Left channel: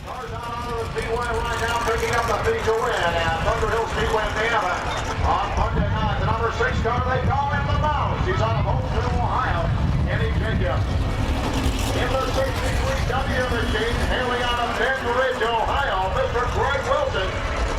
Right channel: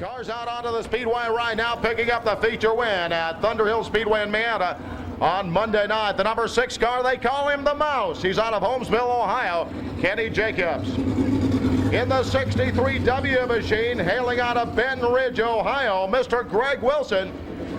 Cars out onto the speedway right now, picking up the feature win at Thunderhill Speedway in Miami on Monday night. The number 6 car, they call him the Mouse. He's out of Holmesville, Ohio, Kenny Jacobs. In the 63W machine, hailing out of Benton Ridge, Ohio, Mr. Greg Wilson.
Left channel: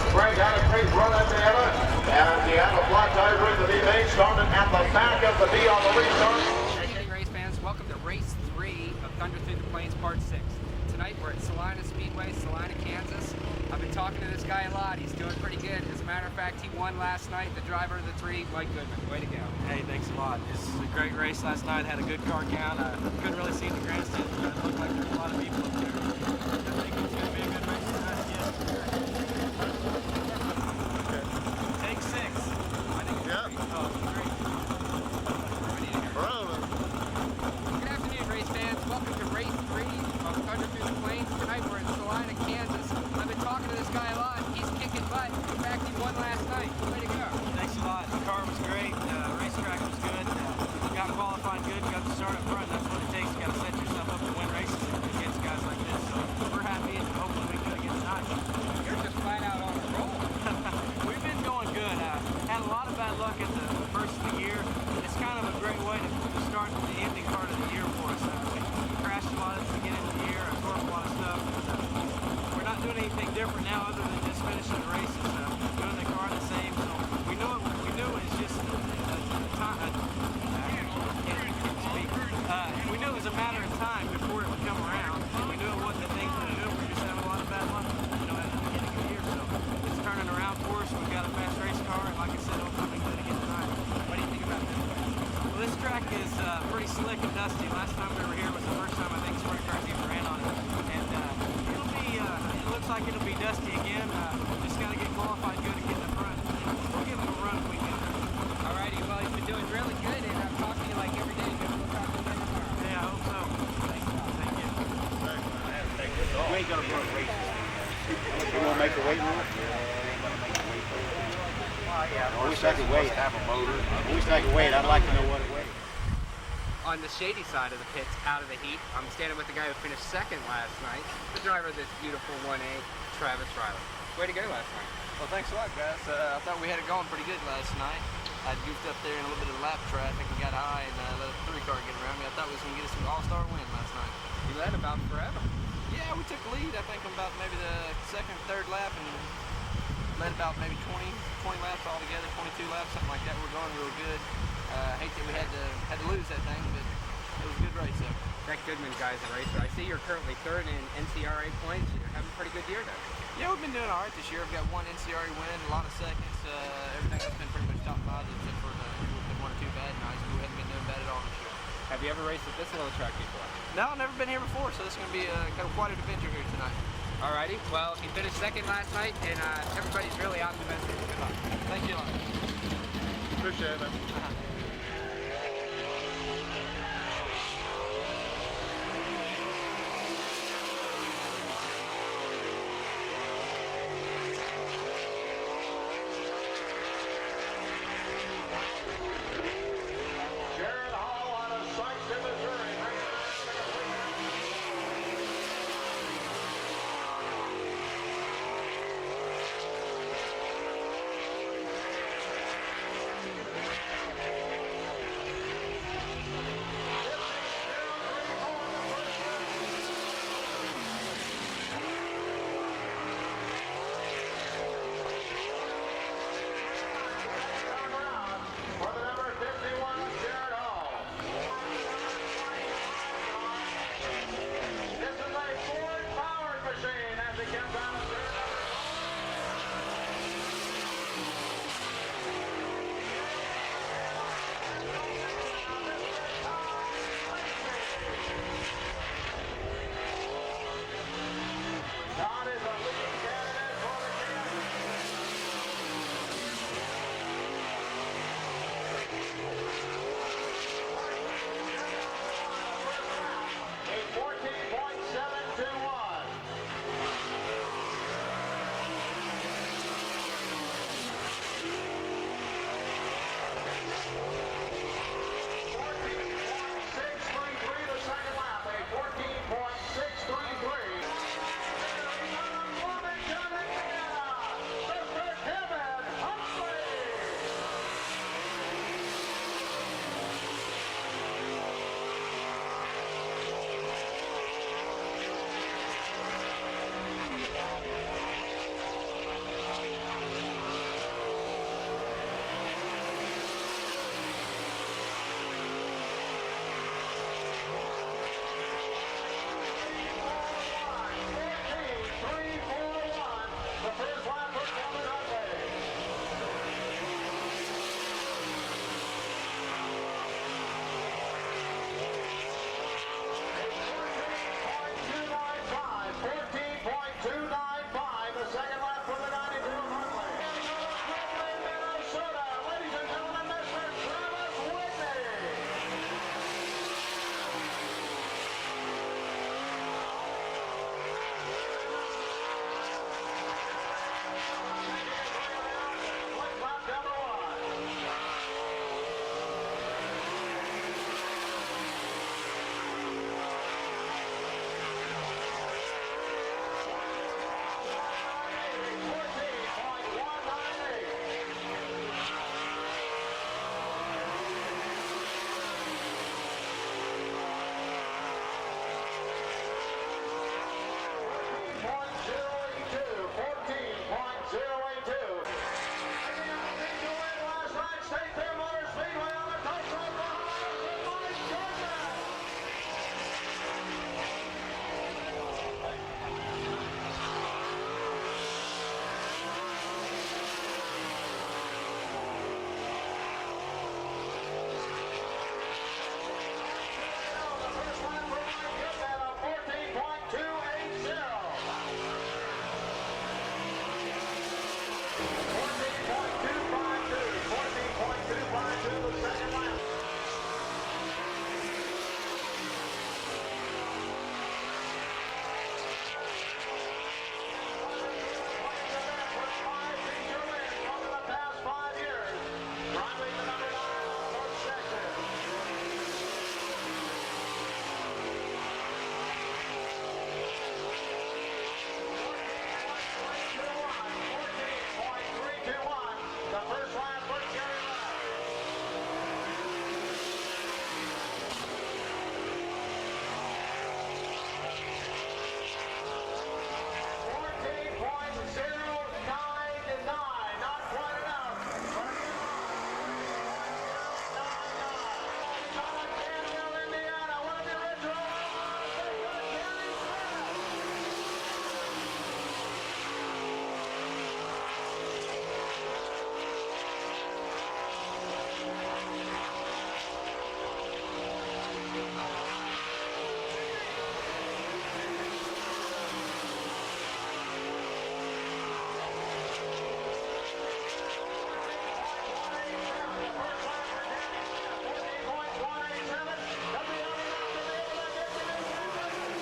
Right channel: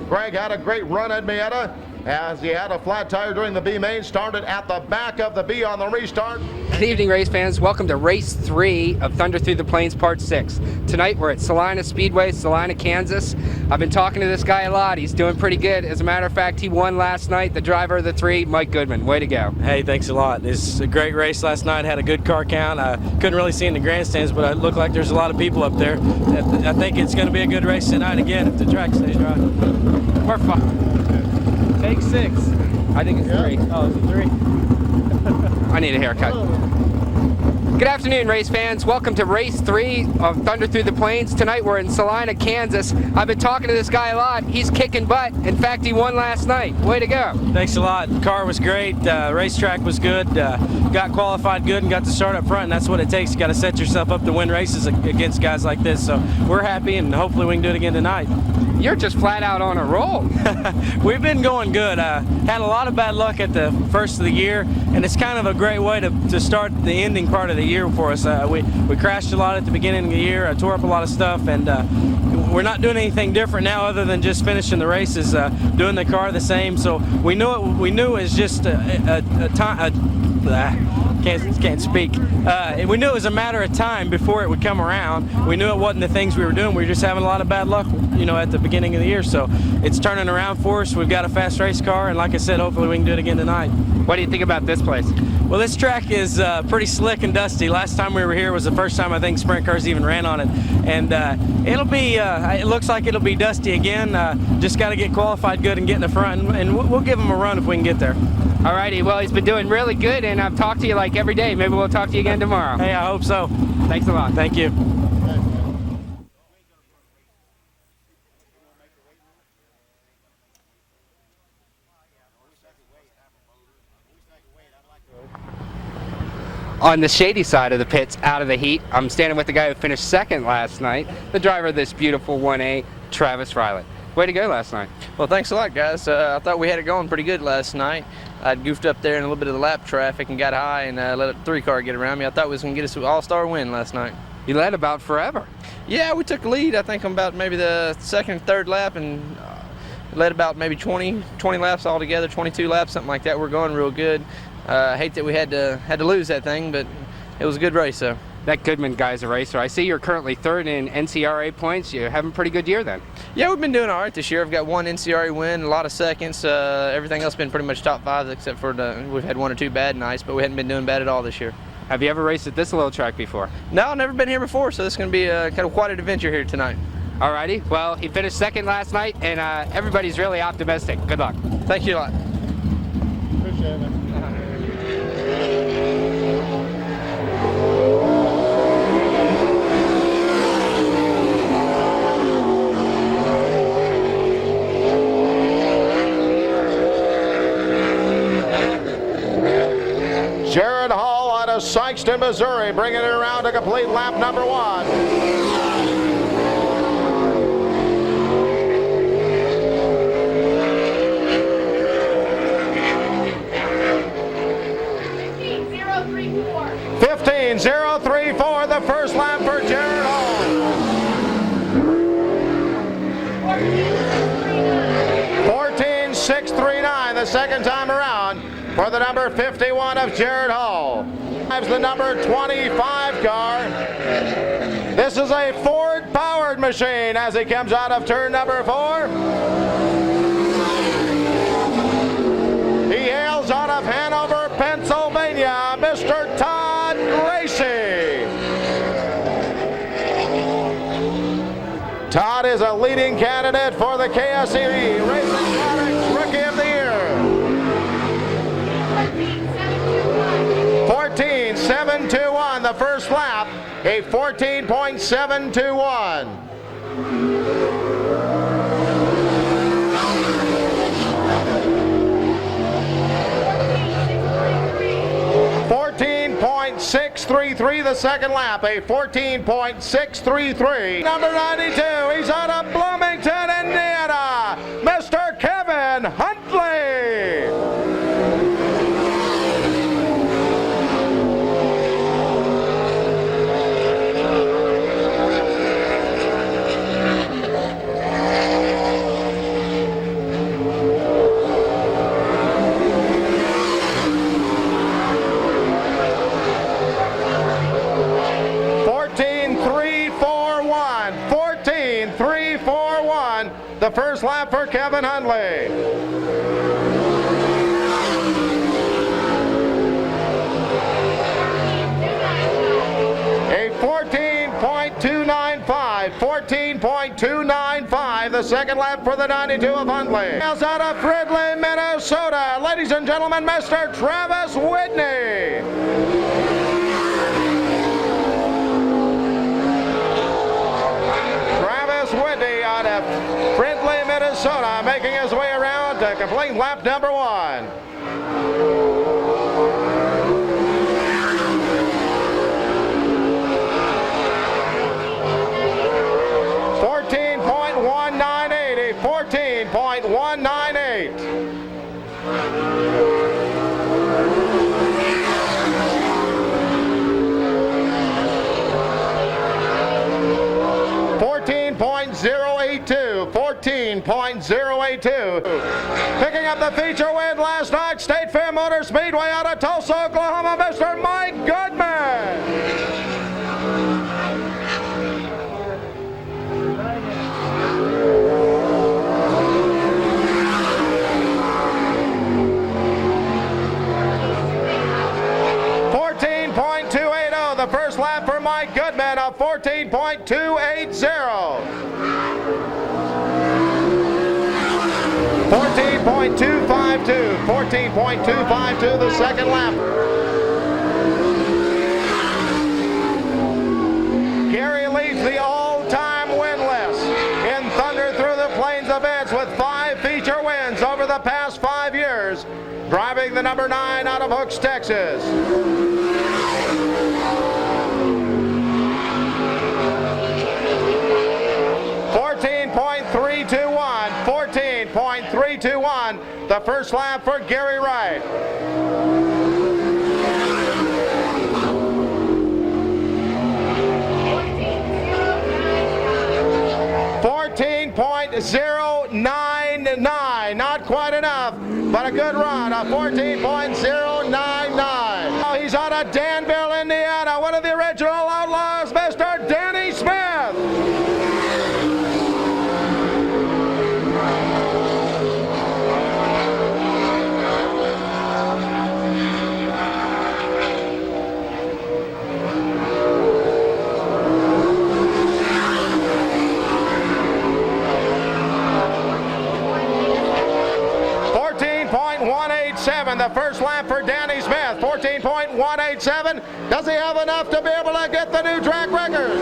Greg had a great run at Miami, and he had a flat tire during the B main, started at the back of the B on the restart. Good evening, race fans. Welcome to race 3 of Thunder Through the Plains Part 6. Tonight we're at Salina Speedway, Salina, Kansas. I've been talking to this guy a lot. He's doing pretty good. As a matter of fact, he won last night. The driver of the 3, Mike Goodman. Way to go. Hey, thanks a lot. It's a great race last night. Had a good car count. I couldn't really see in the grandstands, but it looked like there's a lot of people up there. I think it's going to be a good race tonight again if the track stays right. Perfect. Take 6. I think it's 3. Oh, it's 3. I need a haircut. Good afternoon, race fans. Welcome to race 3 of Thunder Through the Plains. Tonight we're in Salina, Kansas. I've been talking to this guy a lot. He's kicking butt. In fact, he won last night. Way to go. Thanks a lot. The car was great. Racetrack was good. Got qualified good and got to start up front, and that's what it takes. You got to set yourself up to win races against guys like this. So we're happy, and hopefully we can do it again tonight. You're just flat out on a roll. We've been going good. Had a lot of bad luck at the first of the year, and it's kind of a great way to start the ending part of the year for us. We crashed a lot at the beginning of the year. I tore up a lot of stuff, and we're not doing anything different now other than just finishing the races, doing the car the same. So we knew it was just can't speak. We knew it was a matter of time before it would come around. We knew it wasn't the things we were doing. We were just having a lot of bad luck, at the beginning of the year. So it's turning around for us. We've got a fast race car, and like I said, hopefully we can do it again tonight. What do you think about this place? Well, this track is pretty slick and dusty. Last time we were here was the first time I think sprint cars even ran on it, and it'll be. It looks like it'll be dusty again. Just got to get qualified good and get in the front, and we'll give them a run if we can get there. Alrighty, well, he's been doing really good, and I've talked to you like every day. Maybe we'll talk to you again tomorrow. Hey, I hope so. Thanks a lot. Thank you. I'd like to know what it weighs. On the shady side of the pits, out of the heat, I'm standing with the guy who finished 2nd last night, the driver of this beautiful 1A, Travis Riley. Way to go last night. Well, thanks a lot, guys. I thought we had it going pretty good last night. I goofed up there in a little bit of the lap traffic and got high and let a 3-car get around me. I thought we was going to get us an all-star win last night. You led about forever. Yeah, we took the lead, I think, on about maybe the 2nd or 3rd lap, and led about maybe 20 laps altogether, 22 laps, something like that. We're going real good. I hate that we had to lose that thing, but it was a good race, though. That Goodman guy's a racer. I see you're currently 3rd in NCRA points. You're having a pretty good year then. Yeah, we've been doing all right this year. I've got 1 NCRA win, a lot of seconds. Everything else been pretty much top 5, except for we've had 1 or 2 bad nights, but we hadn't been doing bad at all this year. Have you ever raced at this little track before? No, I've never been here before, so this is going to be kind of quite an adventure here tonight. Alrighty, well, he finished 2nd last night, and everybody's really optimistic. Good luck. Thank you a lot. Appreciate it, man. Jared Hall out of Sykeston, Missouri, bringing it around to complete lap number 1. .034, the first lap for Jared Hall. 14.639 the second time around for the number 51 of Jared Hall. Drives the number 25 car. This is a Ford-powered machine as he comes out of turn number 4. He hails out of Hanover, Pennsylvania, Mr. Todd Gracie. Todd is a leading candidate for the KSE Racing Products Rookie of the Year. 14.721 the first lap, a 14.721. 14.633 the second lap, a 14.633. Number 92, the first lap for Kevin Hundley. A 14.295, the second lap for the 92 of Hundley. Out of Fridley, Minnesota, ladies and gentlemen, Mr. Travis Whitney. Travis Whitney out of Fridley, Minnesota, making his way around to complete lap number 1. Picking up the feature win last night, State Fair Motor Speedway out of Tulsa, Oklahoma, Mr. Mike Goodman. The first lap for Mike Goodman of 14.280. 14.252 the second lap. Gary leads the all-time win list in Thunder Through the Plains events with 5 feature wins over the past 5 years, driving the number 9 out of Hooks, Texas. 14.321, the first lap for Gary Wright. .099, not quite enough, but a good run, a 14.099. Oh, he's out of Danville, Indiana, one of the original Outlaws, Mr. Danny Smith. 14.187, the first lap for Danny Smith. 14.187. Does he have enough to be able to get the new track record?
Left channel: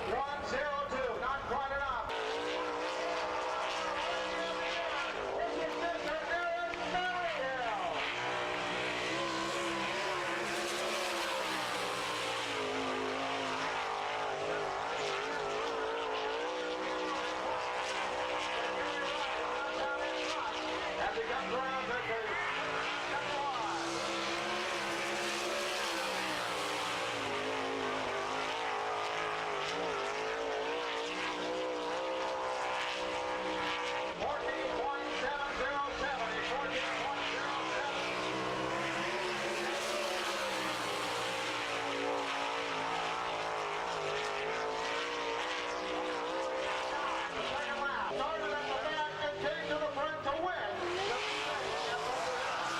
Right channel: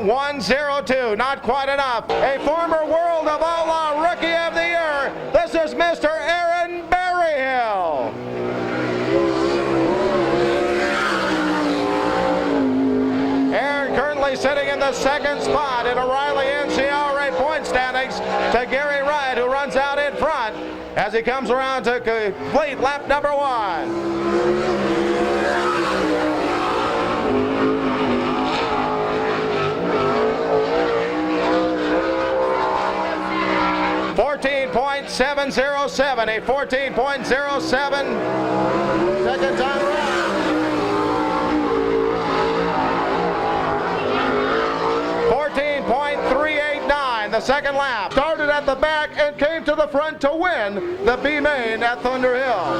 .102, not quite enough. A former World of Outlaw Rookie of the Year. This is Mr. Aaron Berryhill. Aaron currently sitting in the second spot in O'Reilly NCRA point standings to Gary Wright, who runs out in front as he comes around to complete lap number 1. 14.707, a 14.07 second time around. 14.389, the second lap. Started at the back and came to the front to win the B main at Thunder Hill.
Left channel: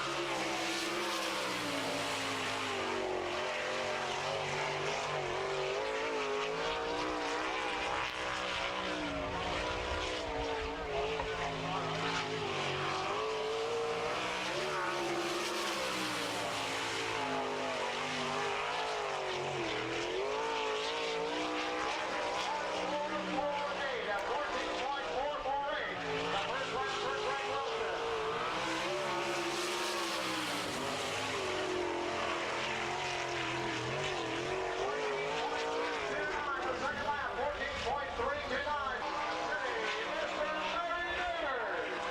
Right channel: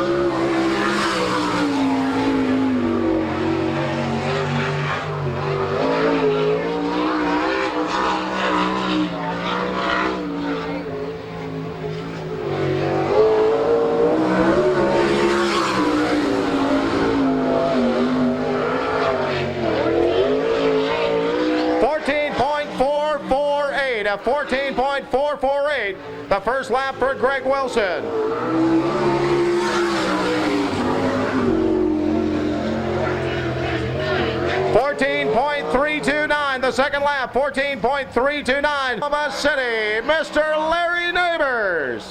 14.448, the first lap for Greg Wilson. 14.329, the second lap. 14.329, Oklahoma City, Mr. Larry Neighbors.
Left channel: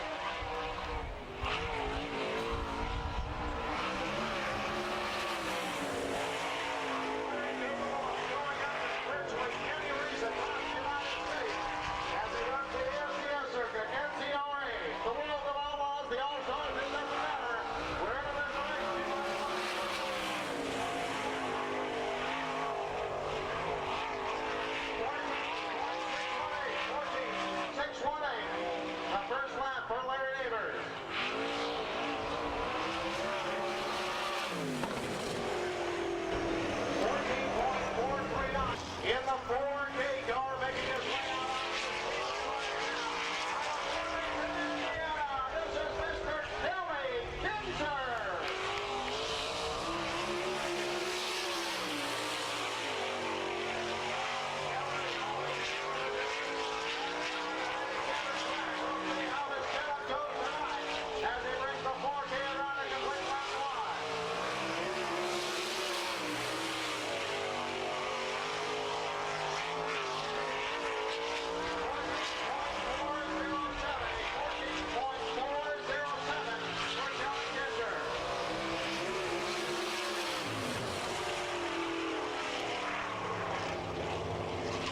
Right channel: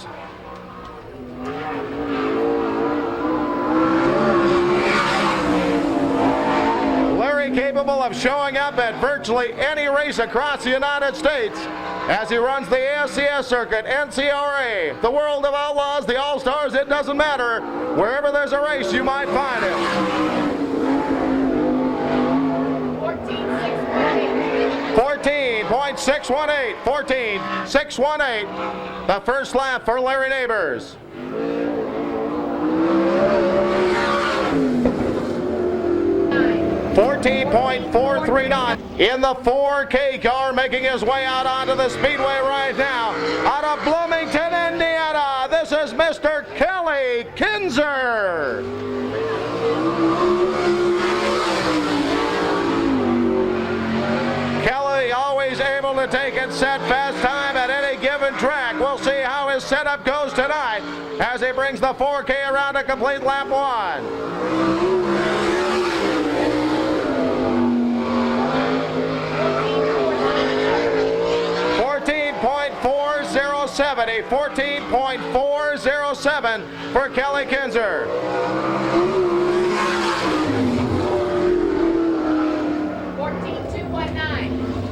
Capable of showing up at virtually any race across the United States as he runs the ASCS circuit, NCRA, the World of Outlaws, the All-Stars, it doesn't matter. Wherever there's a race, you might find him. 14.618. 14.618. The first lap for Larry Neighbors. .439 in the 4K car, making his way out onto the speedway right now. Out of Bloomington, Indiana, this is Mr. Kelly Kinzer. Kelly always able to take it set fast time at any given track. We'll see how his setup goes tonight as he brings the 4K around to complete lap 1. 14.407 for Kelly Kinzer.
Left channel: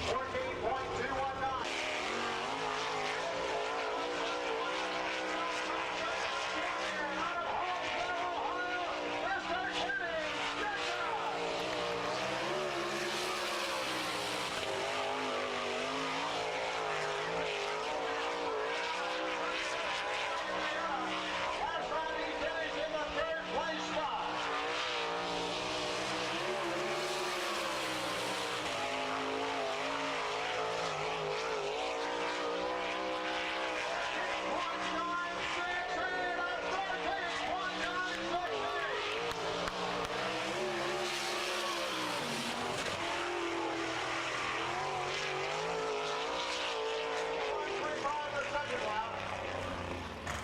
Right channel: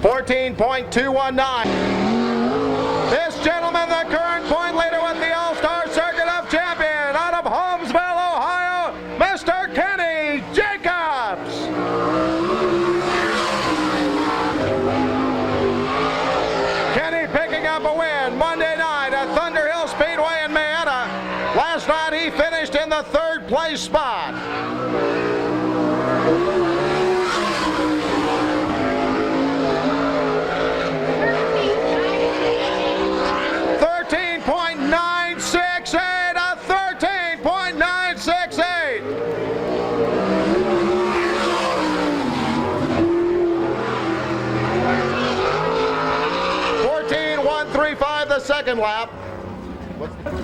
14.219. This gentleman, the current point leader with the All-Star Circuit of Champion out of Holmesville, Ohio, Mr. Kenny Jacobs. Kenny picking up a win Monday night at Thunder Hill Speedway in Marietta. Last night he finished in the 3rd place spot. 14.135 the second lap.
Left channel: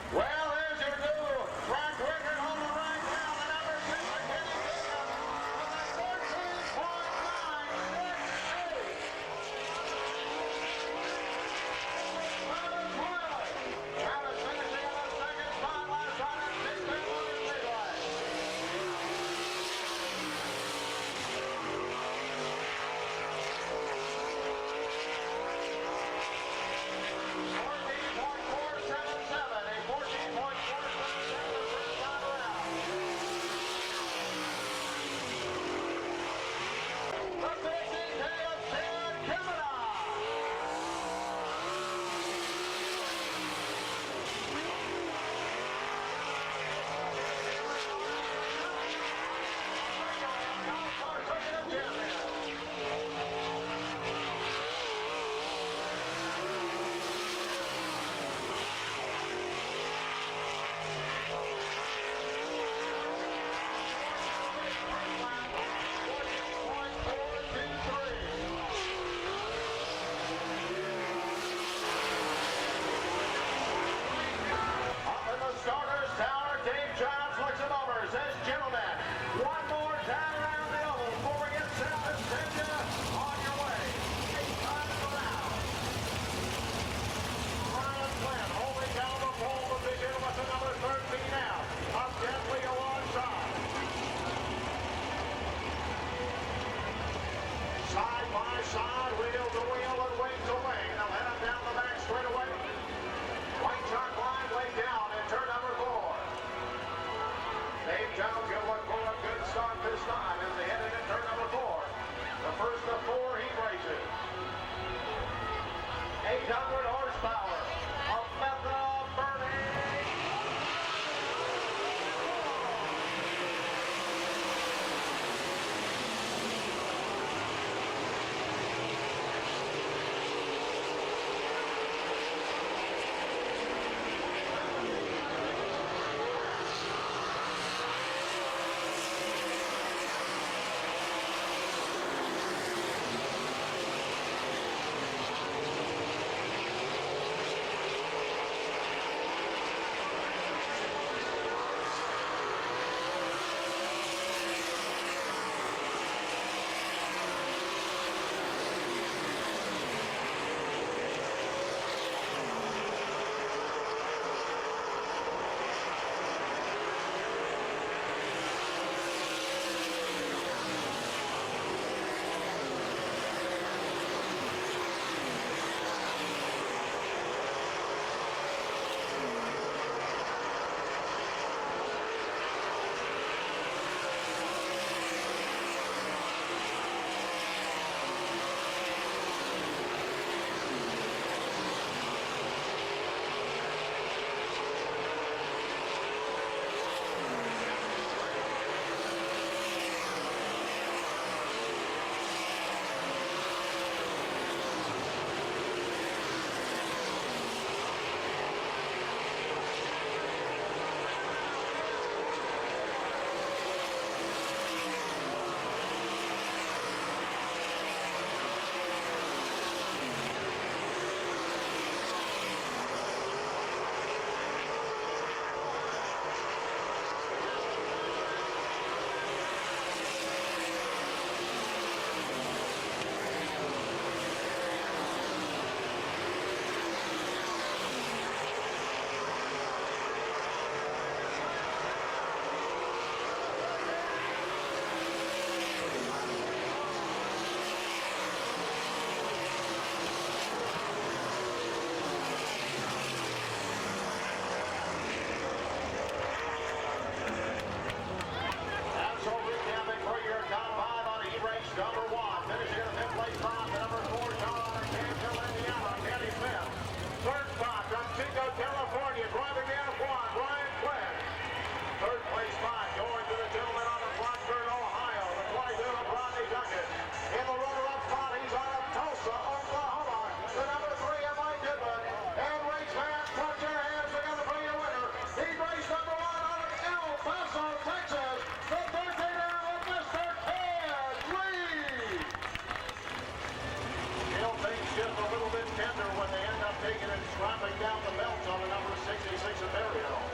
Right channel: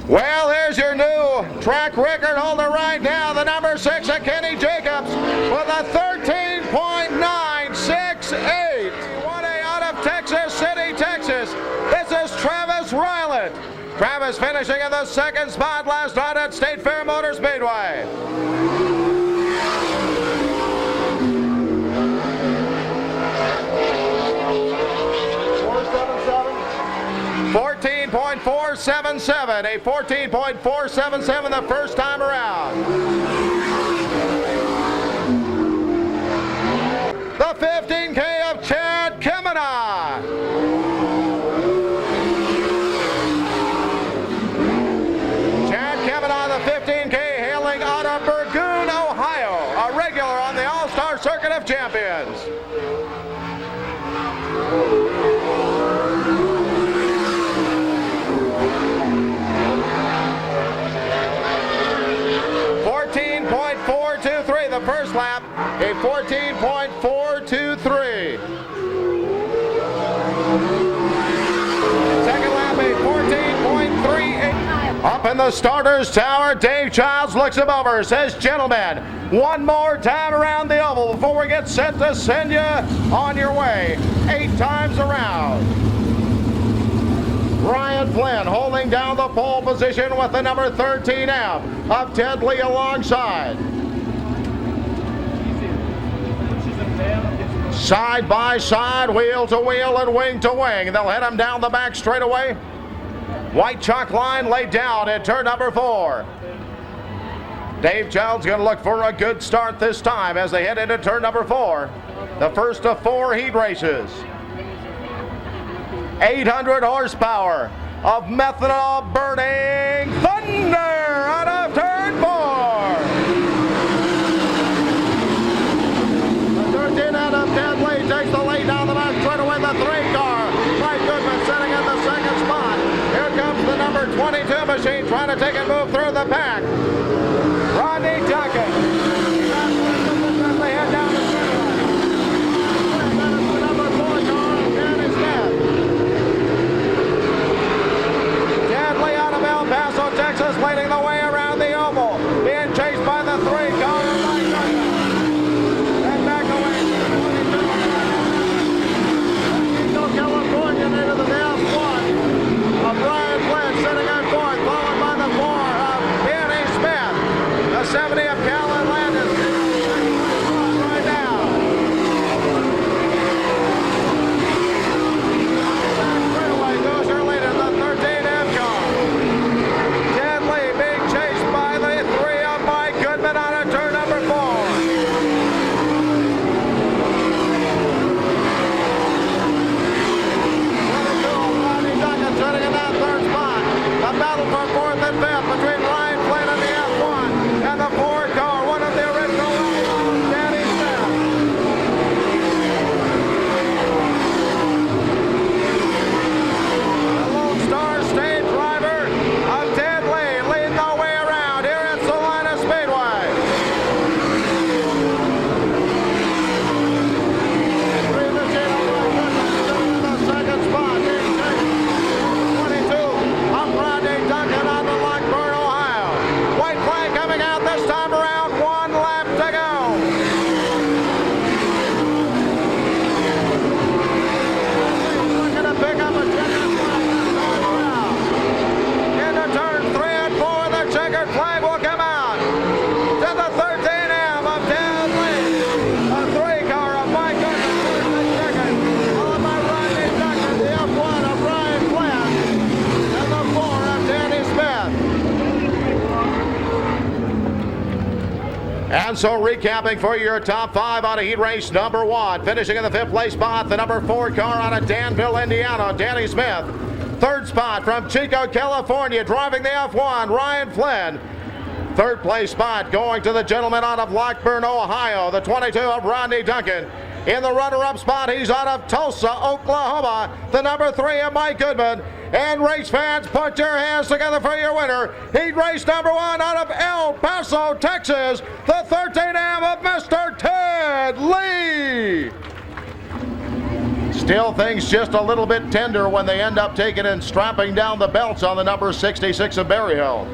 Well, here's your new track record holder right now, the number 6 of Kenny Jacobs with a 13.968. 1A out of Texas City, Texas. This is Travis Ryland. Travis finishing in the 2nd spot last night at State Fair Motor Speedway. 14.477, a 14.477 the first time around. The 15K of Chad Kemena. Chad Kemena, the 15K, hailing out of Burgoon, Ohio, a regular on the All-Star Circuit of Champions. 14.423 the first lap, a 14.423. Second lap, a 14.38. Up in the starter's tower, Dave Childs looks him over, says, gentlemen, one more time around the oval before we get set to send you on your way 8 times around. Ryan Flynn holding down the pole position with the number 13 out of Ted Lee alongside. Side by side, wheel to wheel and wing to wing. They'll head him down the back straightaway. White chalk line laid down at turn number 4. Dave Childs going to look for a good start this time as they head into turn number 4. The first of 4 heat races. 800 horsepower of methanol burning thunder out of turn 4. The 13 out of Ted Lee takes the lead down the back straightaway. The 3 car, Mike Goodman sitting in the 2nd spot. Here comes the number 22 machine trying to take a move through the pack. Rodney Duncan. They head down the number 4 car, Danny Smith. Ted Lee out of El Paso, Texas, leading the way around the oval. Being chased by the 3 car of Mike Duncan. And back away. California into the down 1 of Brian Flynn sitting on 4th, followed by the 4 of Danny Smith. 1 lap to go. Looking to pick up a checkered flag. Into turn 3 and 4, the checkered flag will come out. To the 13M of Dan Lee. A 3 car of Mike Goodman, second. Followed by Rodney Duncan, the F1 of Ryan Flynn. And the 4 of Danny Smith. And so recapping for your top 5 on a heat race number 1. Finishing in the 5th place spot, the number 4 car out of Danville, Indiana, Danny Smith. 3rd spot from Chico, California, driving the F1, Ryan Flynn. 3rd place spot going to the gentleman out of Lockburn, Ohio, the 22 of Rodney Duncan. In the runner-up spot, he's out of Tulsa, Oklahoma, the number 3 of Mike Goodman. And race fans, put your hands together for your winner. Heat race number 1 out of El Paso, Texas, the 13M of Mr. Ted Lee. Still things just a little bit tender when they end up taking and strapping down the belts on the number 66 of Berryhill.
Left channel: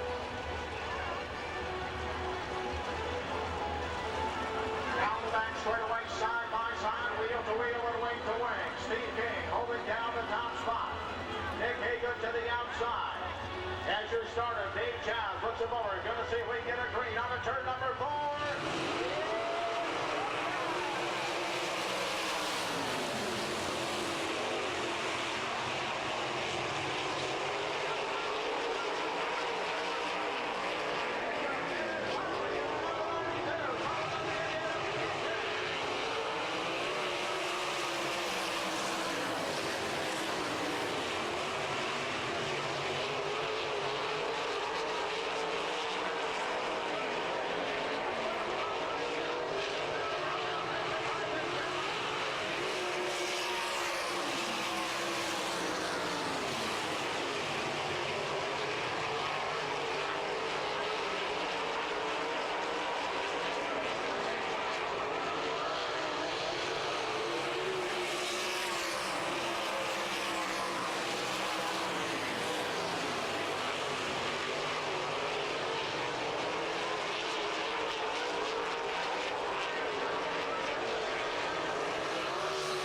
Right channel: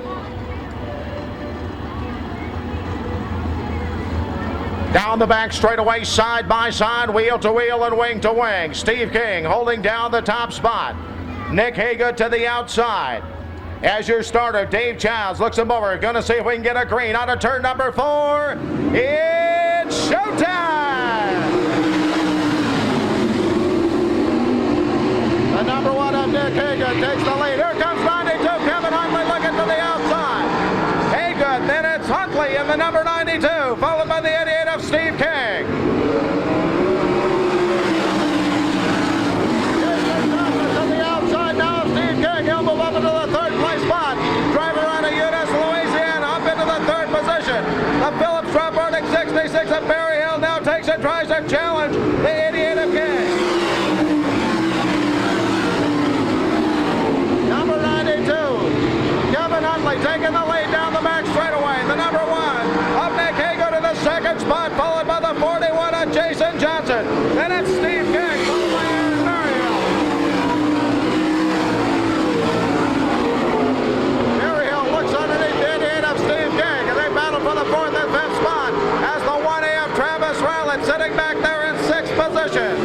Down the back straightaway, side by side, wheel to wheel and wing to wing. Steve King holding down the top spot. Nick Haga to the outside. As your starter, Dave Childs looks him over. Going to see if we can get a green out of turn number 4. It's showtime! The number 1 of Nick Haga takes the lead. Here comes 92, Kevin Huntley looking to the outside. Haga, then it's Huntley in the number 92, followed by the 88 of Steve King. He'll move up into the 3rd place spot. Driver out of Eunice, Louisiana, up into the 3rd position. The Phillips truck running 66 of Berryhill now takes and tries to challenge the 88 of King. Number 92, Kevin Huntley taking the lead down the back straightaway. The number 1 of Nick Hago to the 2nd spot, followed by the 41 of Jason Johnson. Then it's Steve King, followed by Aaron Berryhill. Underneath the 88 of Steve King, and they battle for the 4th and 5th spot as the 1A of Travis Rowland sitting back there in 6th position.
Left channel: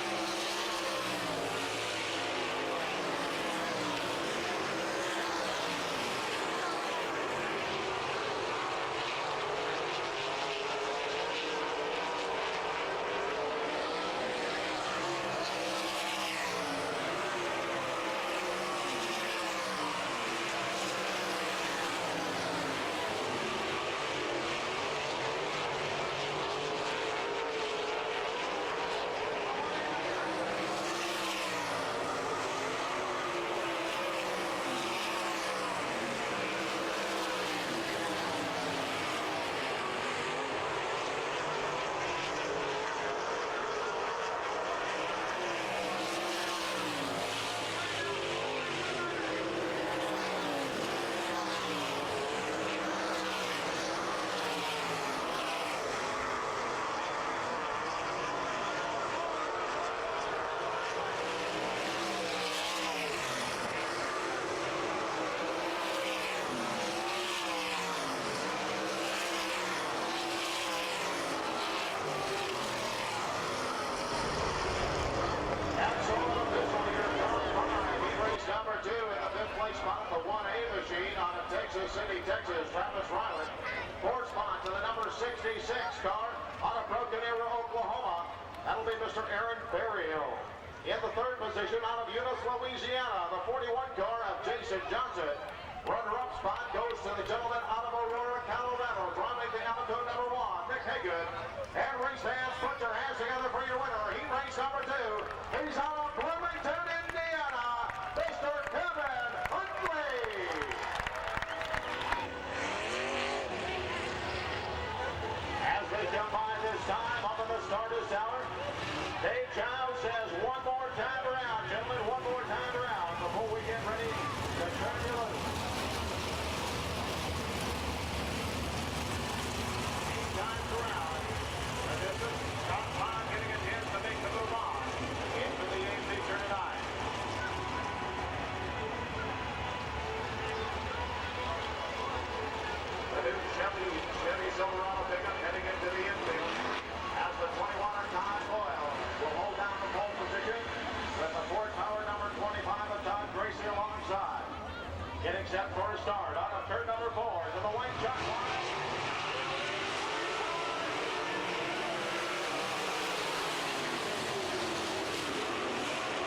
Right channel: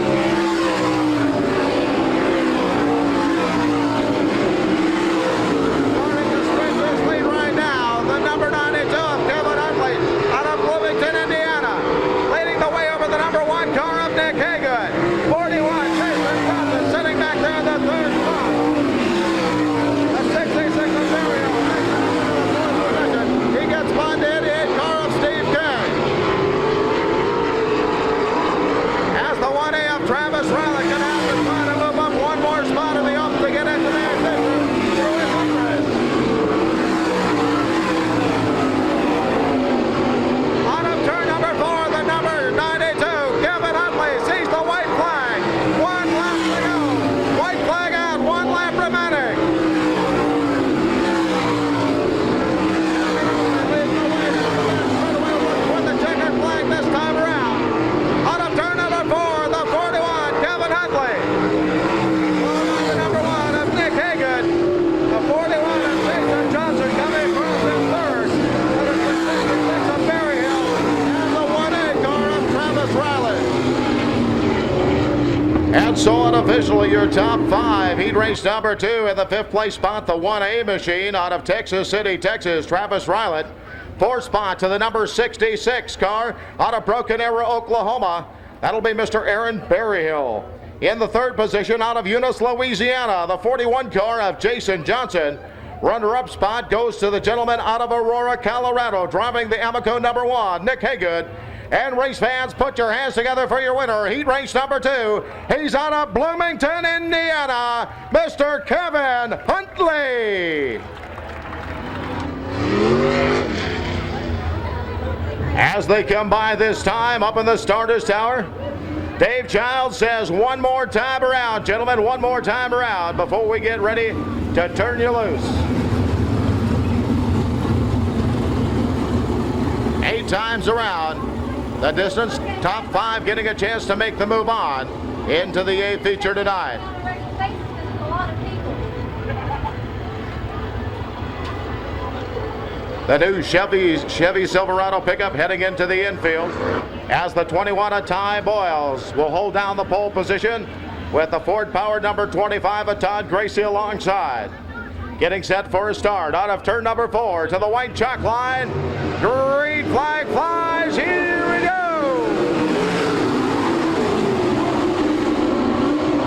Starting to stretch his lead right now, the number 92 of Kevin Huntley out of Bloomington, Indiana, leading the way over the number 1 car of Nick Haga. 41, Jason Johnson sitting back there in the 3rd spot. The 66 of Berryhill. He gets by the 88 car of Steve King. As the 1A of Travis Rowland can have to try to move up 1 more spot in the up to get into the ignition. On up turn number 4, the number 92, Kevin Huntley sees the white flag. 1 lap to go. White flag out, 1 lap remaining. This time around. On up turn number 4, the 41, Kevin Huntley. Followed by the number 1 of Nick Hagan. The 41 of Jason Johnson coming across in 3rd. And it's the 66 of Berryhill. And the 1A car of Travis Riley. And so unofficially your top 5. Heat race number 2 in the 5th place spot, the 1A machine out of Texas City, Texas, Travis Riley. 4th spot to the number 66 car out of Broken Arrow, Oklahoma. That'll be Mr. Aaron Berryhill. In the 3rd position out of Eunice, Louisiana, the 41 car of Jason Johnson. Runner-up spot goes to the gentleman out of Aurora, Colorado, driving the Amoco number 1, Nick Hagood. And race fans, put your hands together for your winner. Heat race number 2. He's out of Bloomington, Indiana, Mr. Kevin Huntley. As they come by this time up in the starter's tower, Dave Childs says 1 more time around. Gentlemen, 1 more time around before we get ready to turn you loose. 8 times around. The distance, top 5 getting a chance to make the move on into the A feature tonight. The new Chevy Silverado pickup heading into the infield as the 21 of Ty Boyles will hold down the pole position with the Ford-powered number 25 of Todd Gracie alongside. Getting set for a start out of turn number 4 to the white chalk line. Green flag flies. Here we go.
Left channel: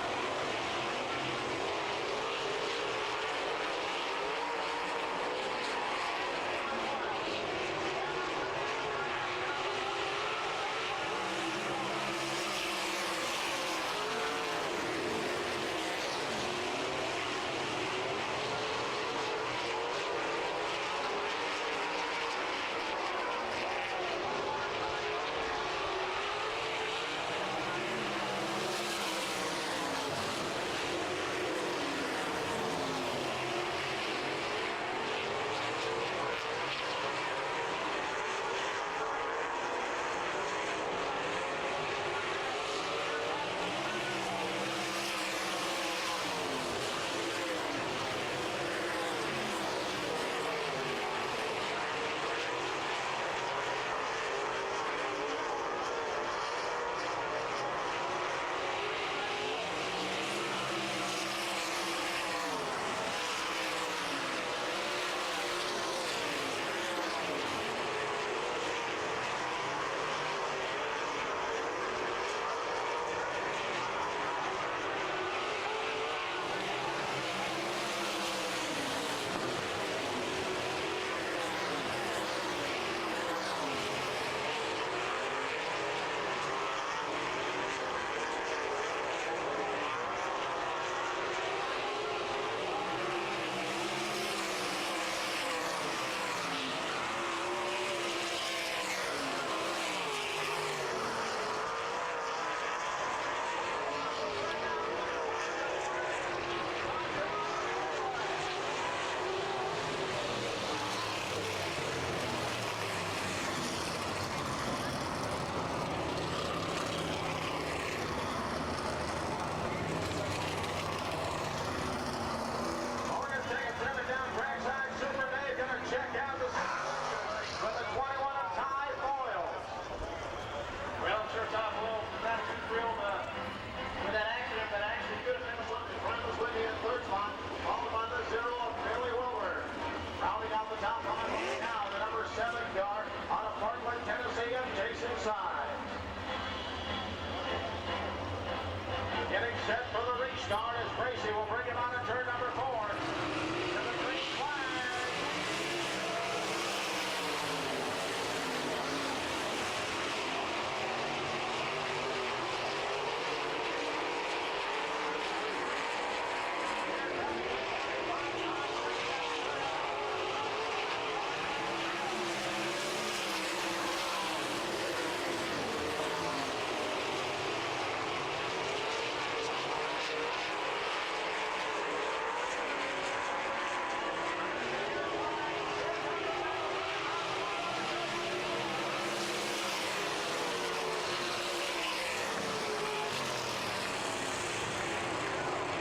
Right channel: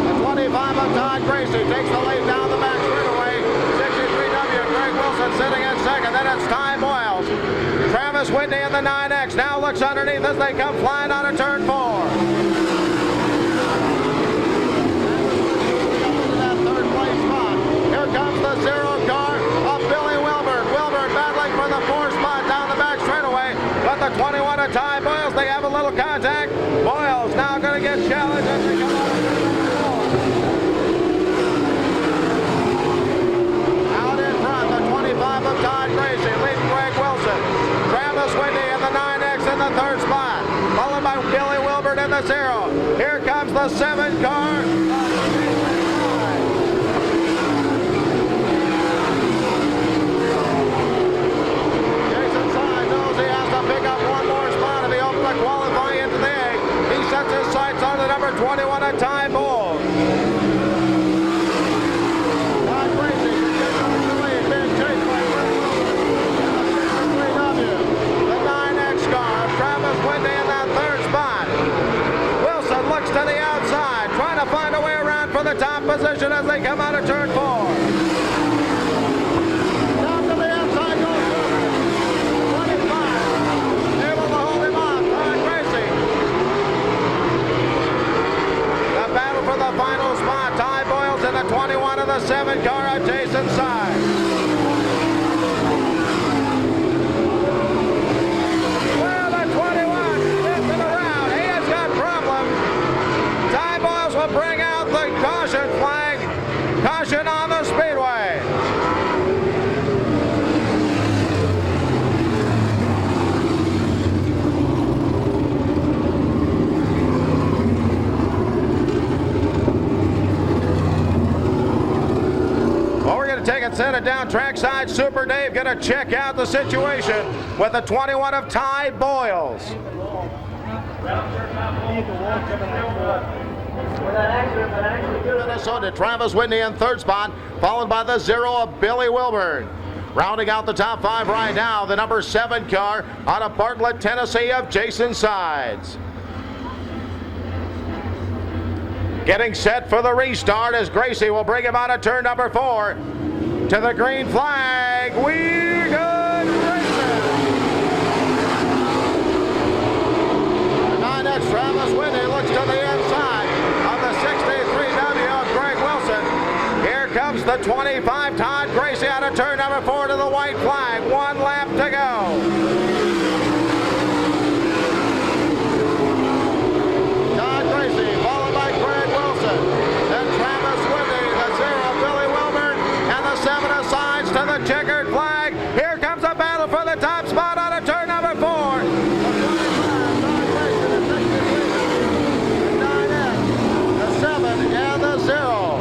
The 25 of Todd Gracie takes the lead down the back straightaway. 63W, Greg Wilson sitting in second. Then it's Ty Boyles. Travis Whitney in the 9X now looks underneath as they come flying out of turn 4. Comes the 0 car of Billy Wilburn. Wilburn battling for the 4th spot down the back straightaway. But the 21 of Ty Boyles, they have a little contact. Boyles now going to get challenged as they come out in front. The 25 of Todd Gracie leading Greg Wilson. Travis Whitney in the 9X in the 3rd spot. Followed by Billy Wilburn in the 0. Here comes the 7 car. Qualifying into the A. He sets his sights on the number 21 at Ty Boyles. Todd Gracie continues to lead, being chased by the 9X car of Travis Whitney in that 3rd spot. Wilson looks to the outside, trying to find a way around for the top position as they come out of turn 4. The final spot, Ty Boyles in the 21 of the 7 car at Jason's side. Well, the 21 into the round. He has got problems. Ty Boyles will bring out the caution flag. Caution on the speedway. Take it, set it down trackside. Super Dave going to check out the situation with the 21 of Ty Boyles. Minnesota, Travis Whitney in 3rd spot, followed by the 0 of Billy Wilburn. Rounding out the top 5 right now, the number 7 car out of Bartlett, Tennessee of Jason Sides. Getting set for the restart as Gracie will bring him out of turn number 4. To the green flag, we're good racing. The 9X Travis Whitney looks to the inside of the 63W of Greg Wilson. Here comes the 25 Todd Gracie out of turn number 4 to the white flag. 1 lap to go. Todd Gracie followed by Greg Wilson. Then Travis Whitney, the 0 Billy Wilburn, and the 7 asides to the checkered flag. Here comes a battle for the top spot out of turn number 4. The 7 and the 0.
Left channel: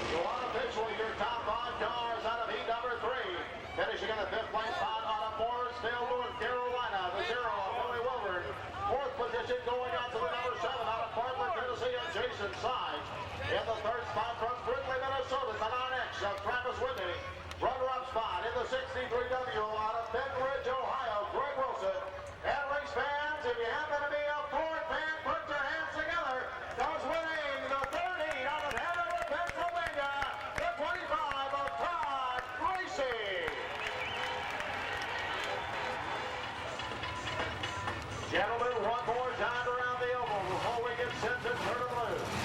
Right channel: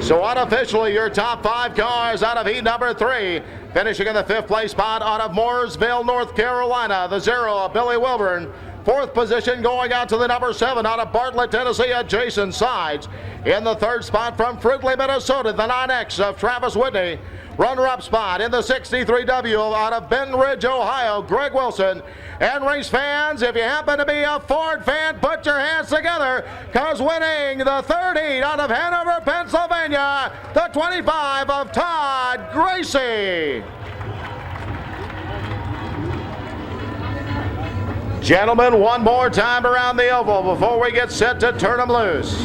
So unofficially, your top 5 cars out of heat number 3. Finishing in the 5th place spot out of Mooresville, North Carolina, the 0 of Billy Wilburn. 4th position going out to the number 7 out of Bartlett, Tennessee at Jason Sides. In the 3rd spot from Fruitley, Minnesota, the 9X of Travis Whitney. Runner-up spot in the 63W out of Ben Ridge, Ohio, Greg Wilson. And race fans, if you happen to be a Ford fan, put your hands together, because winning the 3rd heat out of Hanover, Pennsylvania, the 25 of Todd Gracie. Gentlemen, one more time around the oval before we get set to turn them loose.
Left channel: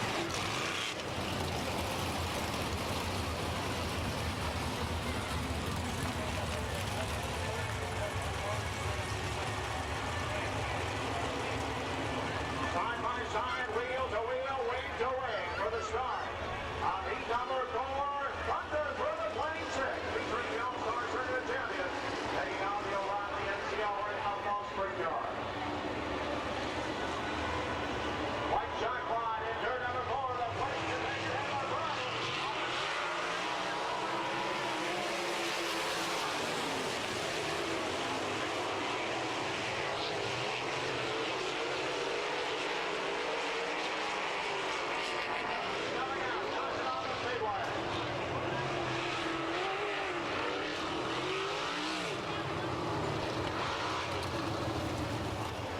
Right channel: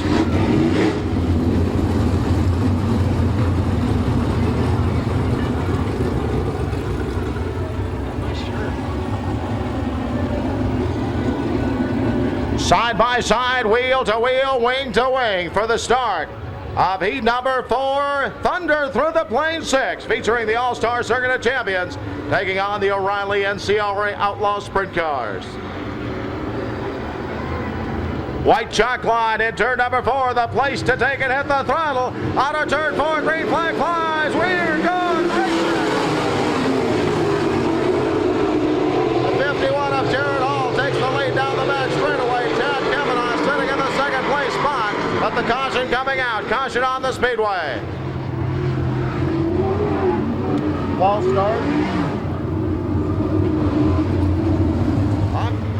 Side by side, wheel to wheel, wing to wing for the start of heat number 4, Thunder Through the Plain 6, featuring the All-Star Circuit of Champions, taking on the O'Reilly NCRA Outlaw Sprint Cars. White chalk line in turn number 4. The place to take it, hit the throttle. Out of turn 4, green flag flies. We're going racing. The 51 of Jared Hall takes the lead down the back straightaway. Chad Kavanaugh sitting in the second place spot. But the caution coming out. Caution on the speedway. False start.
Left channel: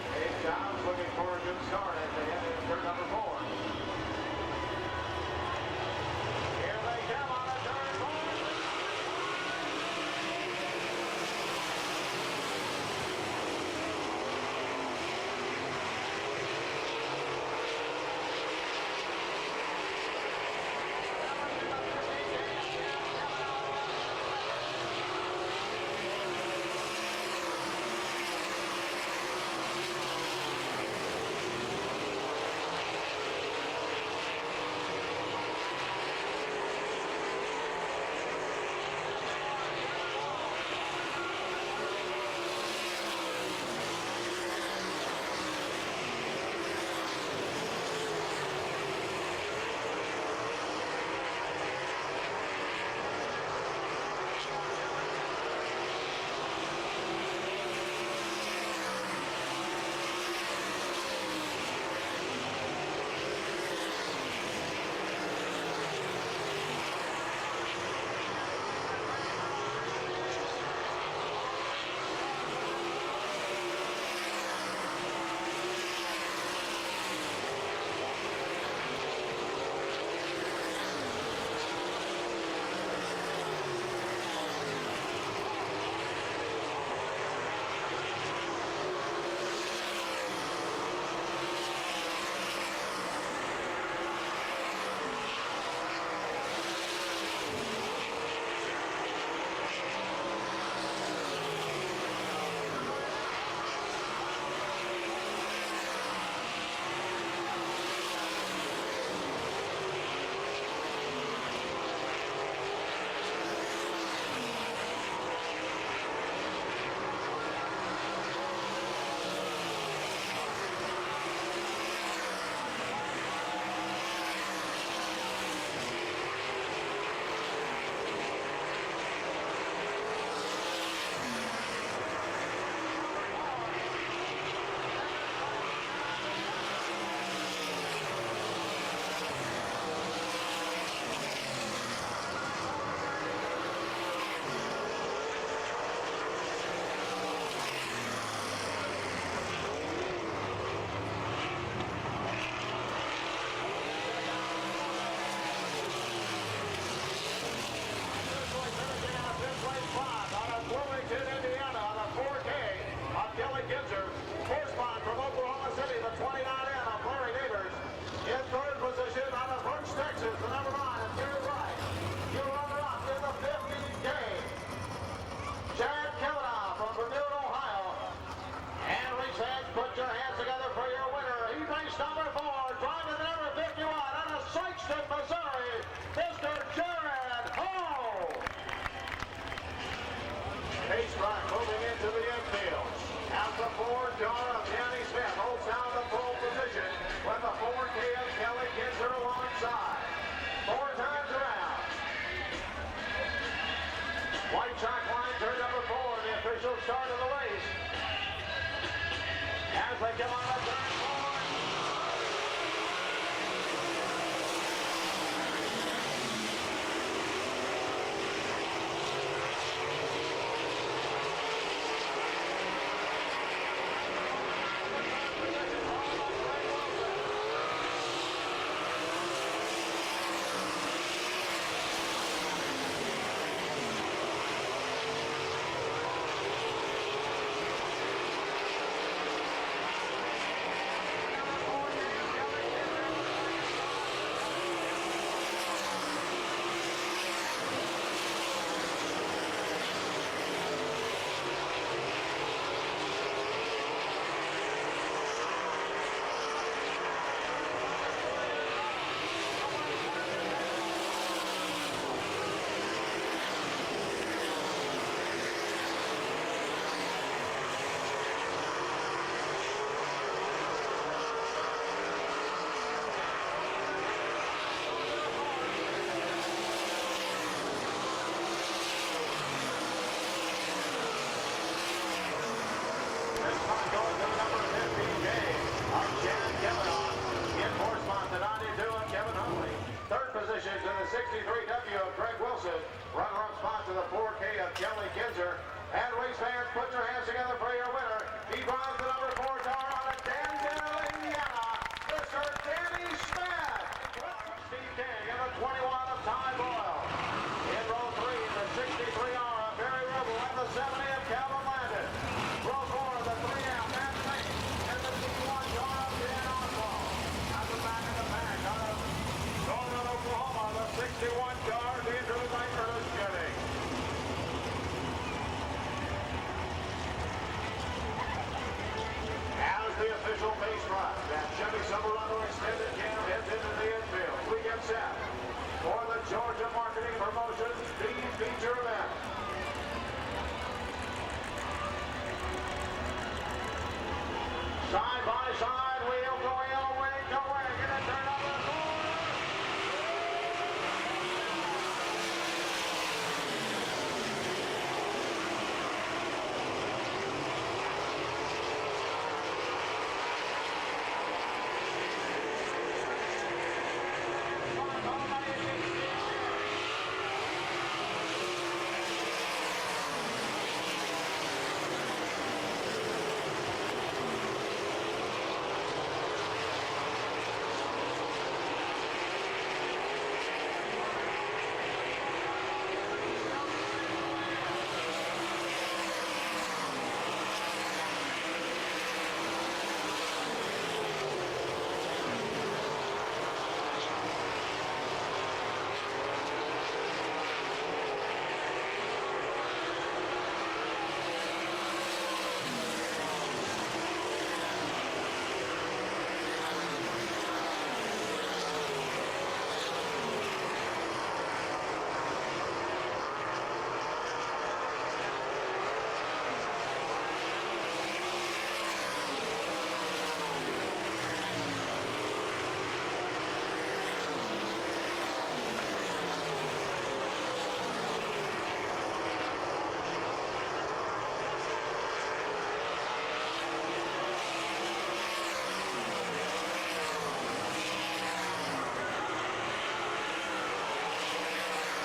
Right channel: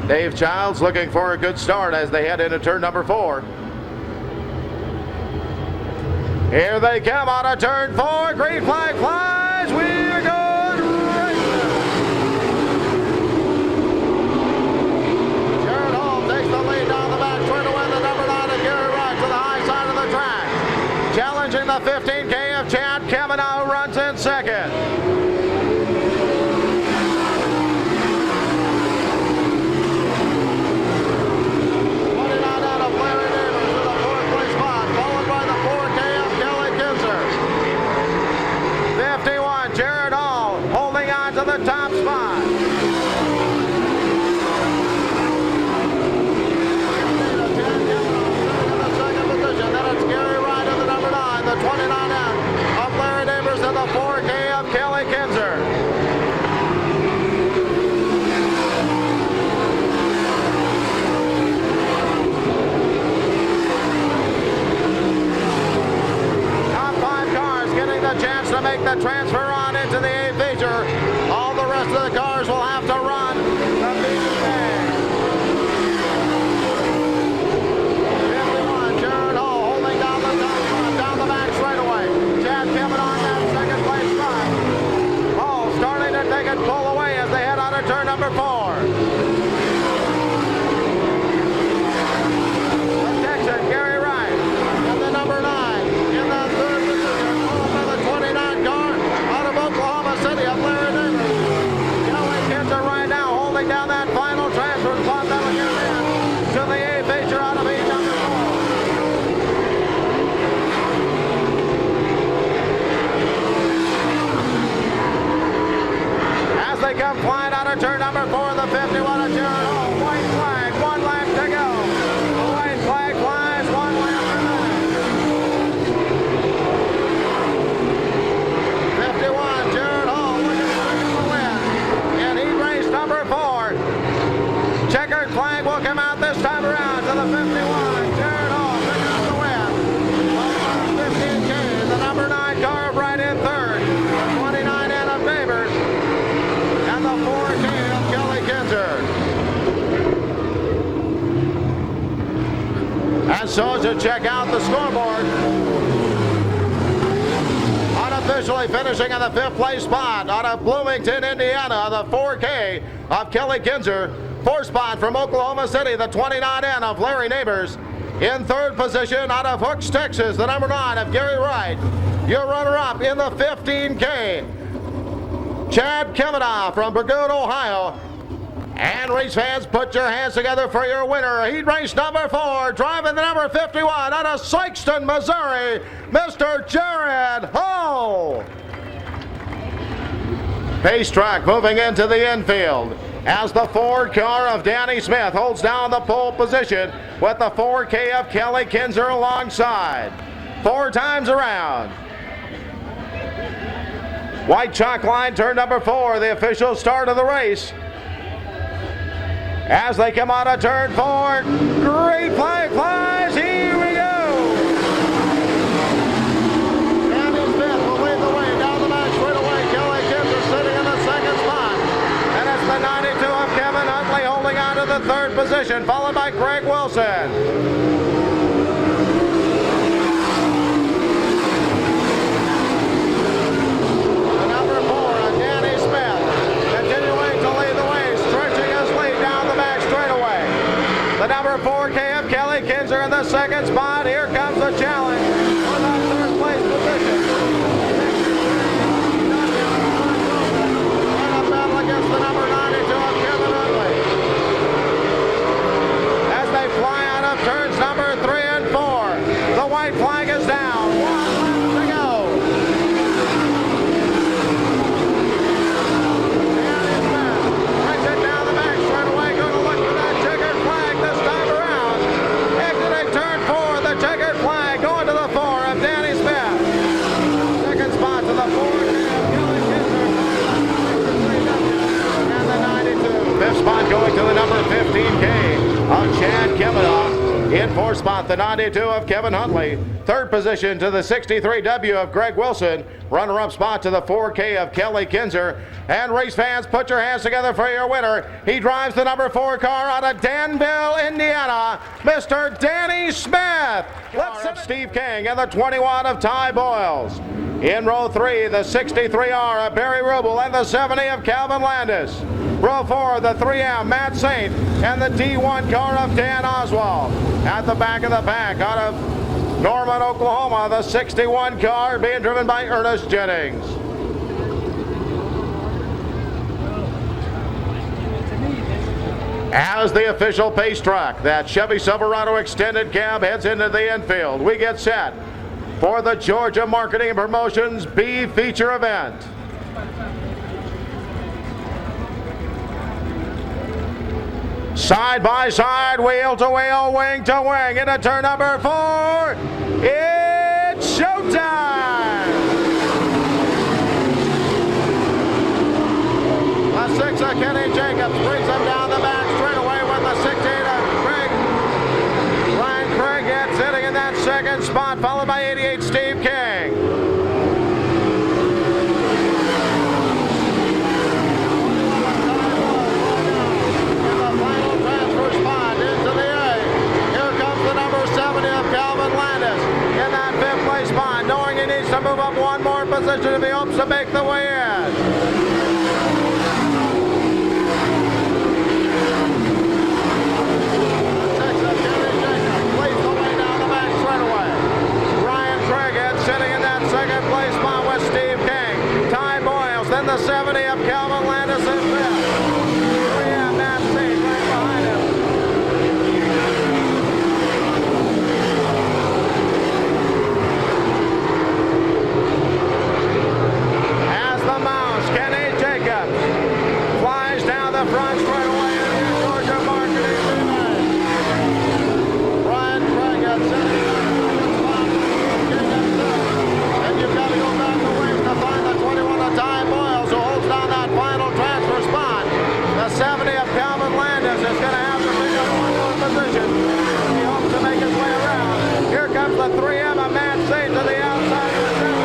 Dave Childs looking for a good start as they head into turn number 4. Here they come out of turn 4. Green flag flies. We're going racing. Jared Hall takes the lead down the back straightaway. The number 9 of Gary Wright to the high side of the track. Challenging the 15K of Chad Kavanaugh, who runs in second. To the top spot. Second position. Then it's Gary Wright in the number 9, the 29M of Larry Neighbors in the 4K of Kelly Kinzer. Top 5 cars getting the chance to make the transfer on into the 8th feature. All the rest of the cars will have to run the BK. 51, Jared Hall holding down the back straightaway. Chad Kavanaugh in that second place spot. Hall starting to take it full away as they head out of turn number 4. The Texan, Gary Wright, and the number 9 in the third position. Followed by the 29 car out of Oklahoma City of Larry Neighbors. Right now holding down that final transfer spot that'll get in to the 8th feature out of heat number 4. As they come flying out of turn number 4, the 51 of Jared Hall. White flag, 1 lap to go. The white flag flies, 1 lap to go. 51, Jared Hall looking for the win. And he raced number 4. Checkered flag will come out this time around to the 51. Jared Hall picking up the win. 15K, the number 9 car right in third. 29 in of Neighbors. And the 4K of Kelly Kinzer. And so to check out the scoreboard. Unofficially finishing in the 5th place spot out of Bloomington, Indiana, the 4K of Kelly Kinzer. 4th spot from Oklahoma City, the 29N of Larry Neighbors. In 3rd position out of Hooks, Texas, the number 9 of Gary Wright. Your runner-up in the 15K, Chad Kavanaugh from Burgoon, Ohio. And race fans, put your hands together for your winner. Heat race number 4, driving the number 51 out of Sikeston, Missouri, Mr. Jared Hall. Pace track moving into the infield as the Ford car of Danny Smith holds down the pole position with the 4K of Kelly Kinzer alongside. 4 times around. White chalk line, turn number 4, the official start of the race. As they come out of turn 4, great flag flies, here we go. Danny Smith will lead the way down the back straightaway. Kelly Kinzer sitting in the second spot. And it's the 92 of Kevin Huntley holding on to the 3rd position, followed by Craig Wilson. The number 4 of Danny Smith continuing to lead the way, stretching his lead down the back straightaway. The number 4K of Kelly Kinzer in the 2nd spot. Here comes the challenge for the 3rd place position. In a battle against the number 92 of Kevin Huntley. As they fly out of turns number 3 and 4. The white flag is down. 1 lap to go. Danny Smith brings it down the back straightaway. Going to look for that checkered flag this time around. of Chad Kavanaugh. In fourth spot, the 92 of Kevin Huntley. Third position to the 63W of Greg Wilson. Runner-up spot to the 4K of Kelly Kinzer. And race fans, put your hands together for your winner. He drives the number 4 car out of Danville, Indiana, Mr. Danny Smith. Let's send Steve King and the 21 of Ty Boyles. In row 3, the 63R of Barry Rubel and the 70 of Calvin Landis. Row 4, the 3M, Matt Saint, and the D1 car of Dan Oswald. At the back of the pack, out of Norman, Oklahoma, the 61 car being driven by Ernest Jennings. As the official pace track, that Chevy Silverado extended cab heads into the infield, we get set for the Georgia Marketing and Promotions B feature event. Side by side, wheel to wheel, wing to wing, into turn number 4. It's showtime! The 6 of Kenny Jacobs brings him down the back straightaway with the 16 of Craig. Ryan Craig gets sitting in that second spot, followed by 88 Steve King. Knowing he needs to move up one more position if he hopes to make the way in. Leads the way down the back straightaway. Ryan Craig sitting in that second place spot with Steve King. Ty Boyles, then the 70 of Calvin Landis in fifth. 3M Matt Saint right behind him. Kenny Jacobs flies down the front straightaway in the Georgia Marketing Relay. Ryan Craig at 79. And you've got to go back the wing to find the 21 of Ty Boyles, who holds down that final transfer spot. The 70 of Calvin Landis is going to have to pick up one more position. He hopes to make his way around. Here comes the 3M of Matt Saint to the outside of the 70.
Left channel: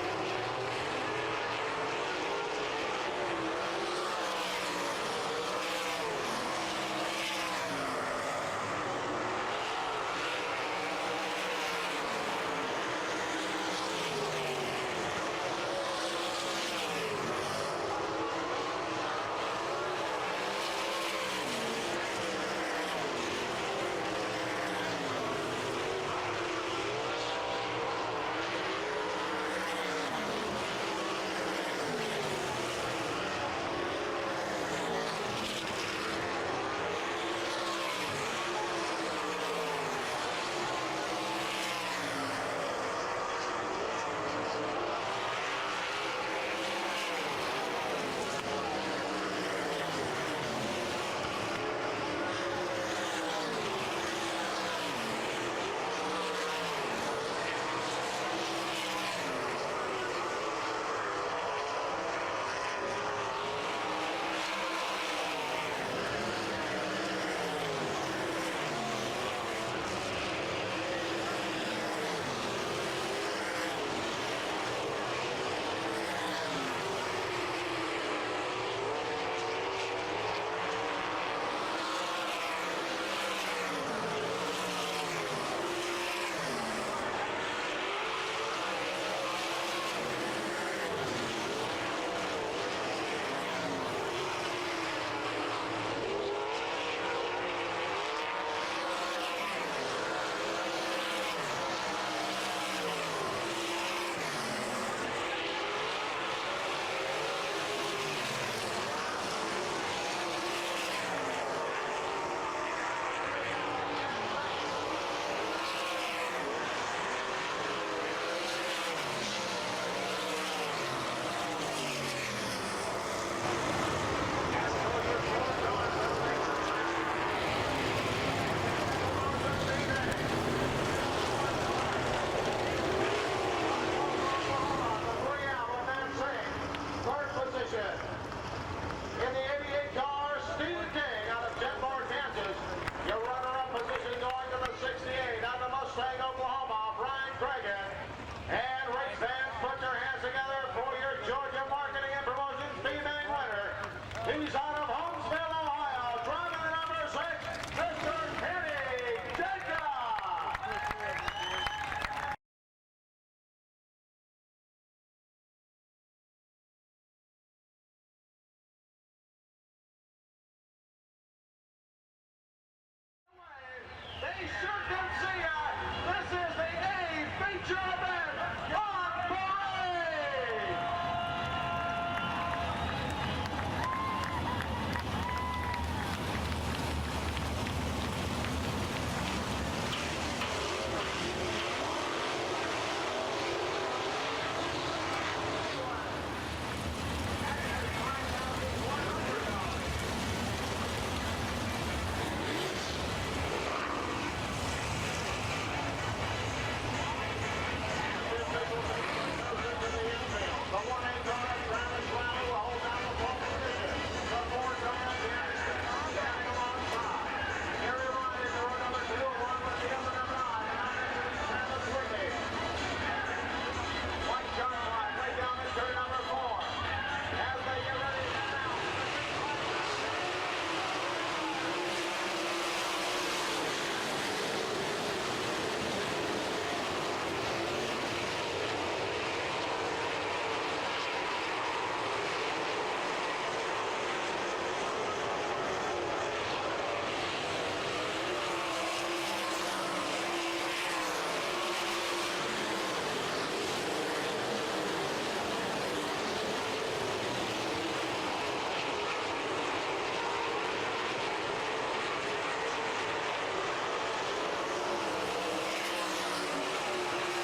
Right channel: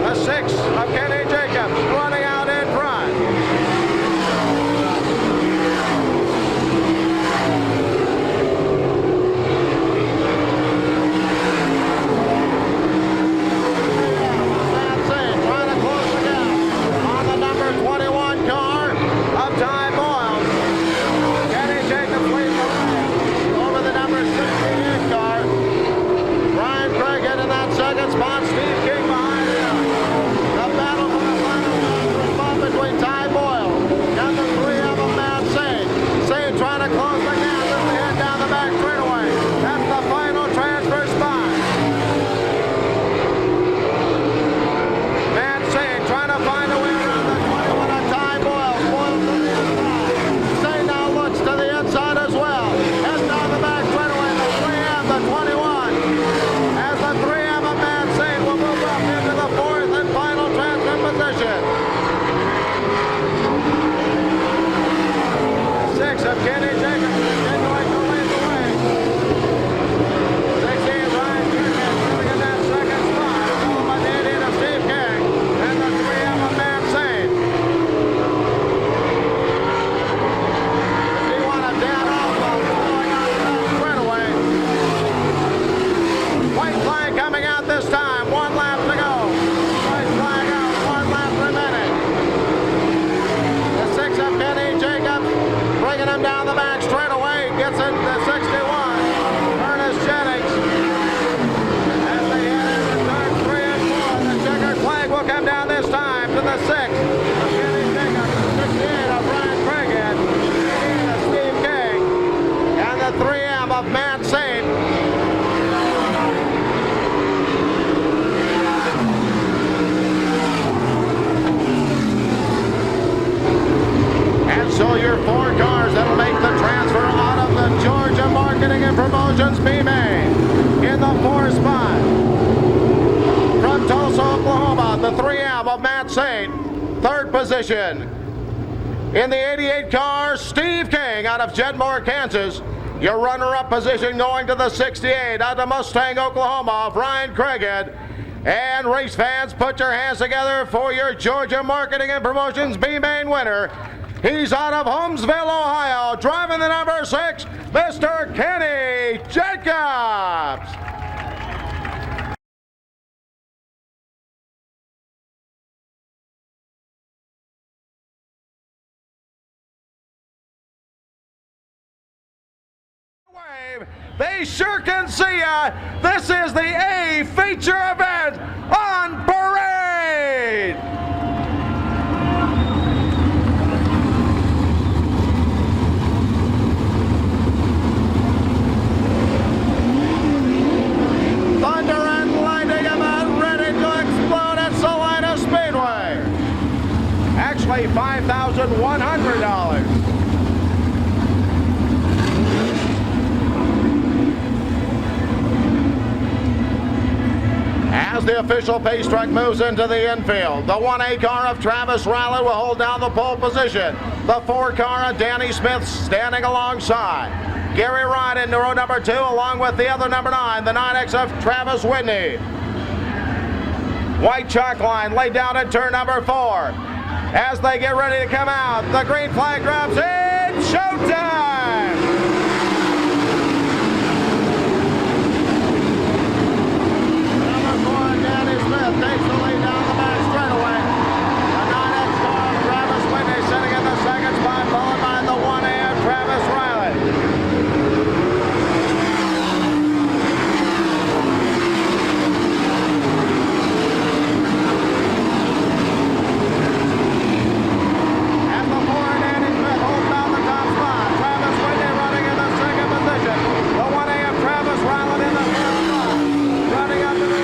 The 6 of Kenny Jacobs running out in front. That's it, trying to close the gap on the number 21 car of Ty Boyles. Kenny Jacobs leads the way over the number 68 car. Ryan Craig in that second spot, Steve King behind him. Between Ty Boyles and the 3 of them, Matt Saint. Saint trying to close the gap as we head down the back straightaway. That's the final transfer spot. Matt Saint trying to find a way around the 21 of Ty Boyles. Boyles to the inside. Saint now looks to the inside as well. Heads down the back straightaway. The 3M, the 21. As the 3M of Matt Saint will position. In the 88 car, Steve King out of Jedmore, Kansas. Your runner-up position going to the 68 out of Mustang, Oklahoma, Brian Craighead. And race fans, put your hands together for your Georgia Marketing and Promotions B-Main winner. He's out of Holmesville, Ohio, driving the number 6, Mr. Kenny Jacobs. They sure can see ya. This is the A feature event on parade. Thunder and lightning about ready to explode at Salina Speedway. Actually, $5,100. As the official pace track moves into the infield, the 1A car of Travis Riley will hold down the pole position. The 4 car of Danny Smith standing alongside. Gary Wright in row number 2 along with the other number 9, the 9X of Travis Whitney. White chalk line laid down at turn number 4. As they get ready to come out, the green flag drops in. Showtime! Takes the lead down the back straightaway. The 9X car of Travis Whitney sitting in the second spot, followed by the 1A of Travis Riley. As the 4 and Danny Smith holds down the top spot, Travis Whitney running in the second position. The 1A of Travis Riley in the third spot. Running up to the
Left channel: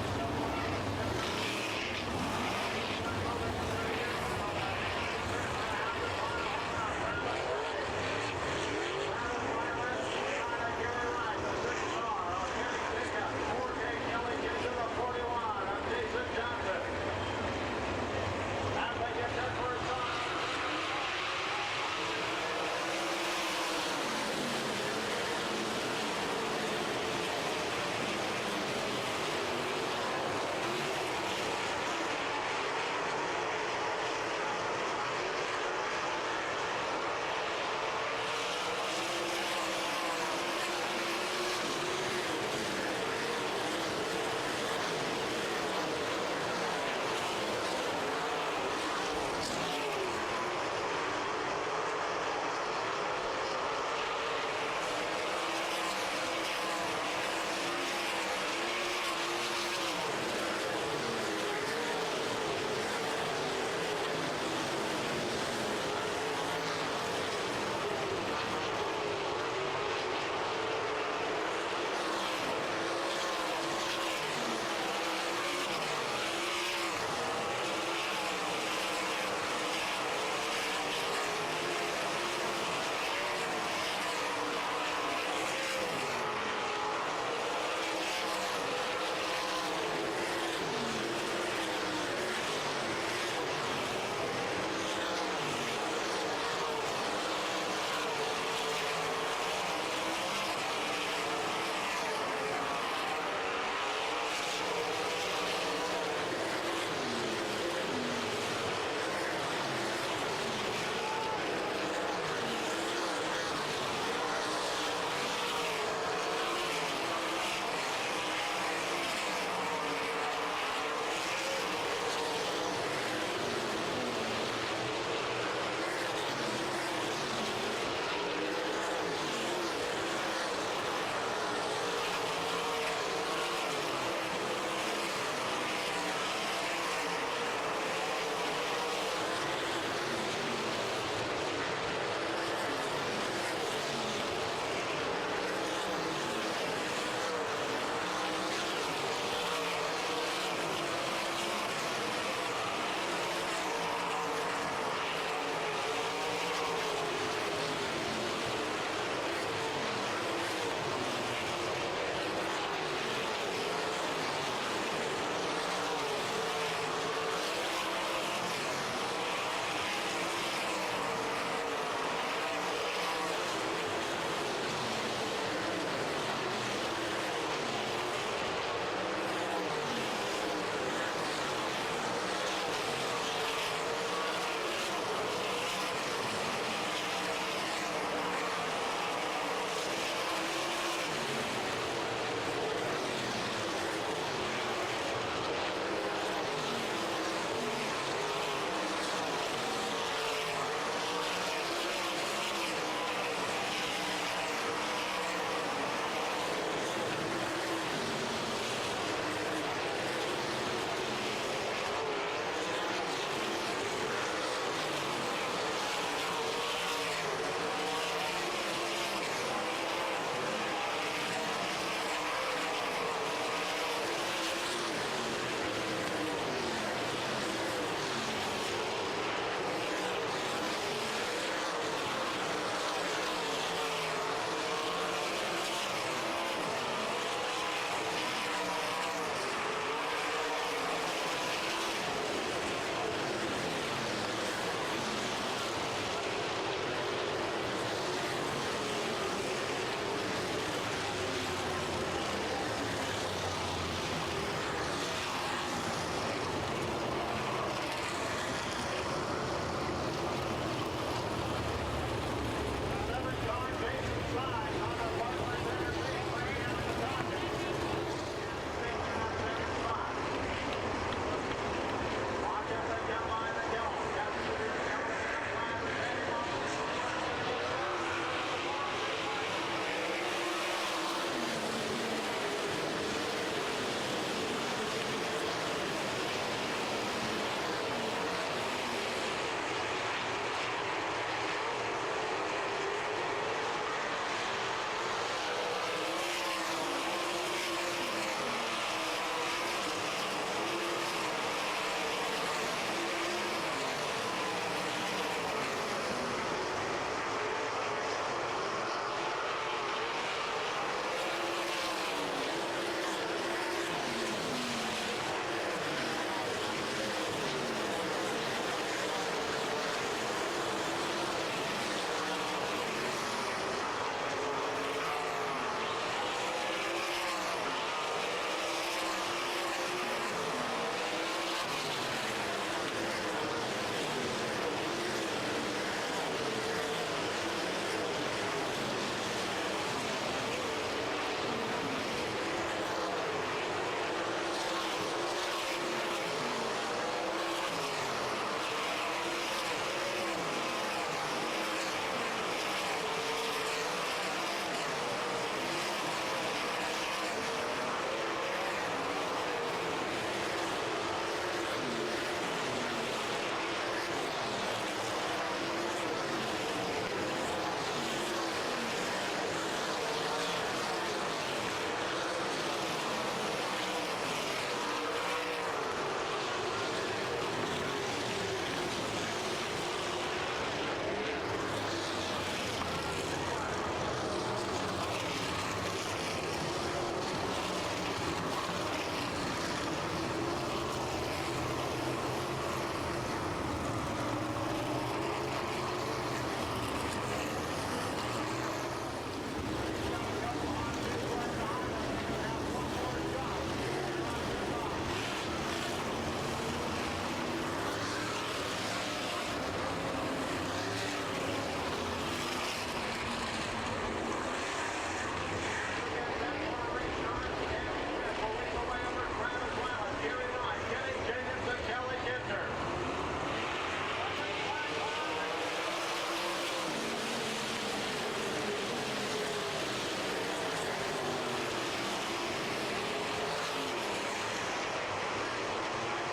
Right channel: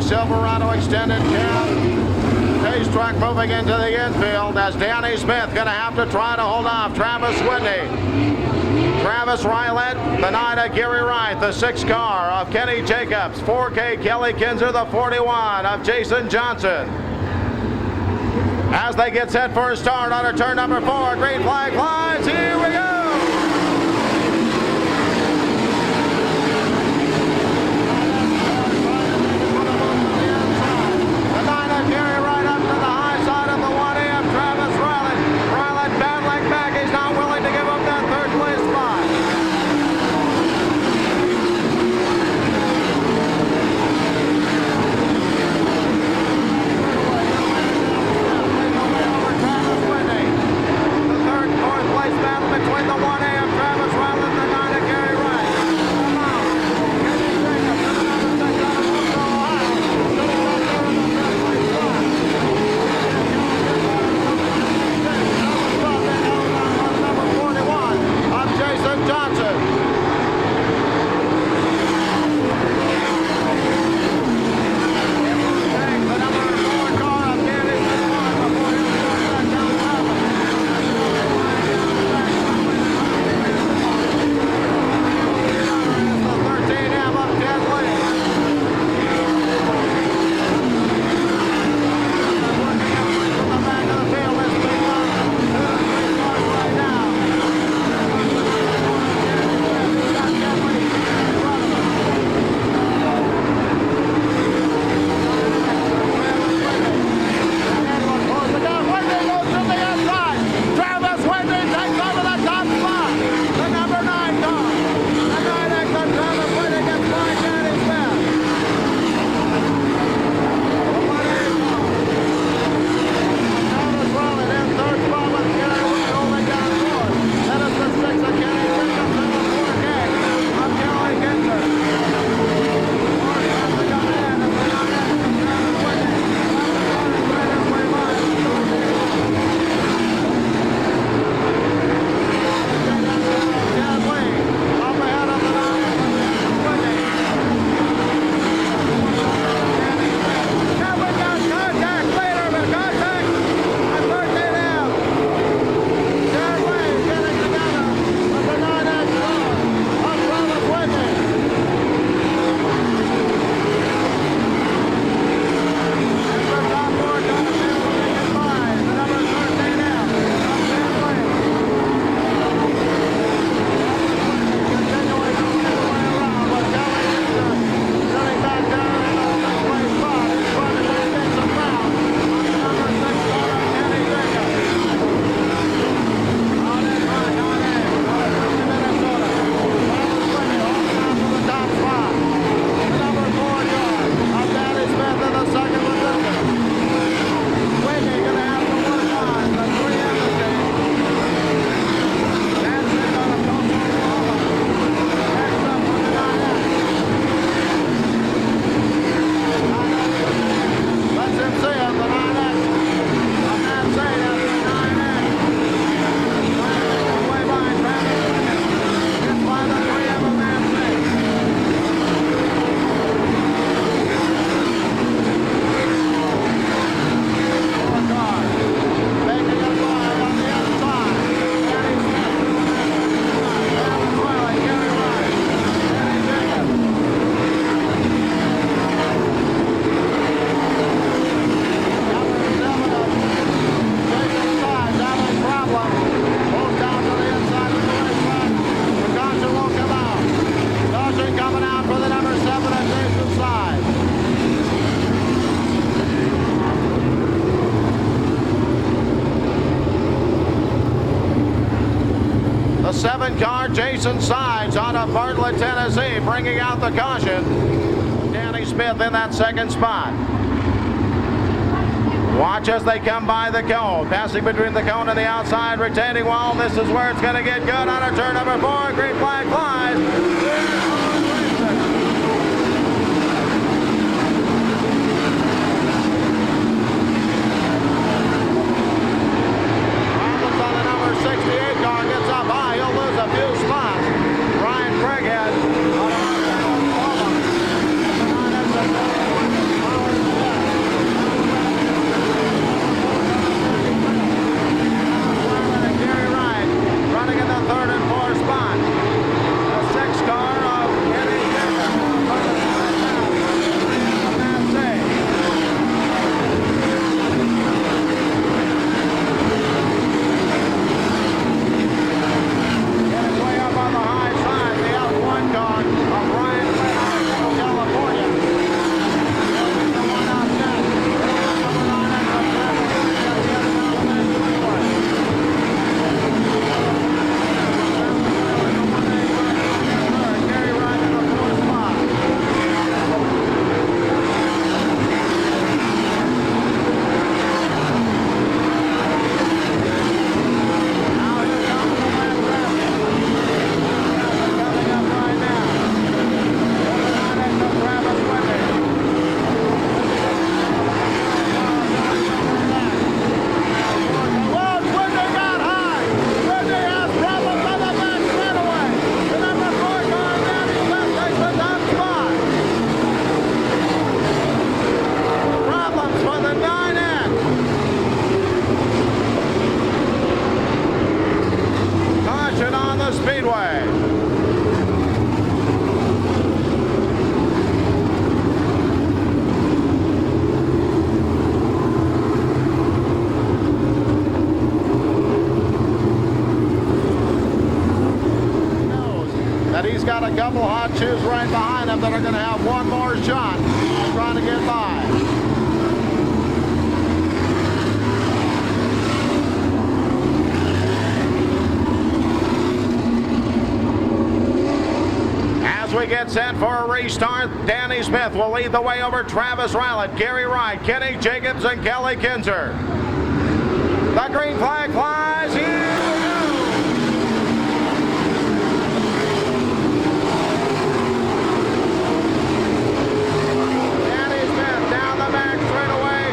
Silverado extended cab. Pace track moving into the infield as Danny Smith going to have to try to hold off Travis Whitney. Travis Riley, the 9 of Gary Wright, the 6 car of Kenny Jacobs, 4K Kelly Kinzer, the 41 of Jason Johnson. As they get set for a start under turn number 4, green flag flies. Here we go. Battle 7 car, Jason Sides out of Bartlett, Tennessee, bringing out the caution. Danny Smith in that second spot. Watch as they come by the cone. Passing between the cone and the outside retaining wall. This is where it's going to get good on a turn number 4. Green flag flies. Problems on the number 68 car. Gets up high. He'll lose a few spots. Ryan Craighead. Running in the 3rd and 4th spot. The 6th car of Kenny Jacobs. Getting way up on the high side. The F1 car of Ryan Fenner from California. The one out there. On the Speedway. That he's got a couple hot shoes right behind him that are going to have one more shot trying to get by. As we get set for a restart, Danny Smith will lead the way over Travis Rylett, Gary Wright, Kenny Jacobs, and Kelly Kinzer. The green flag flies. Here we go. Danny Smith down the back straightaway.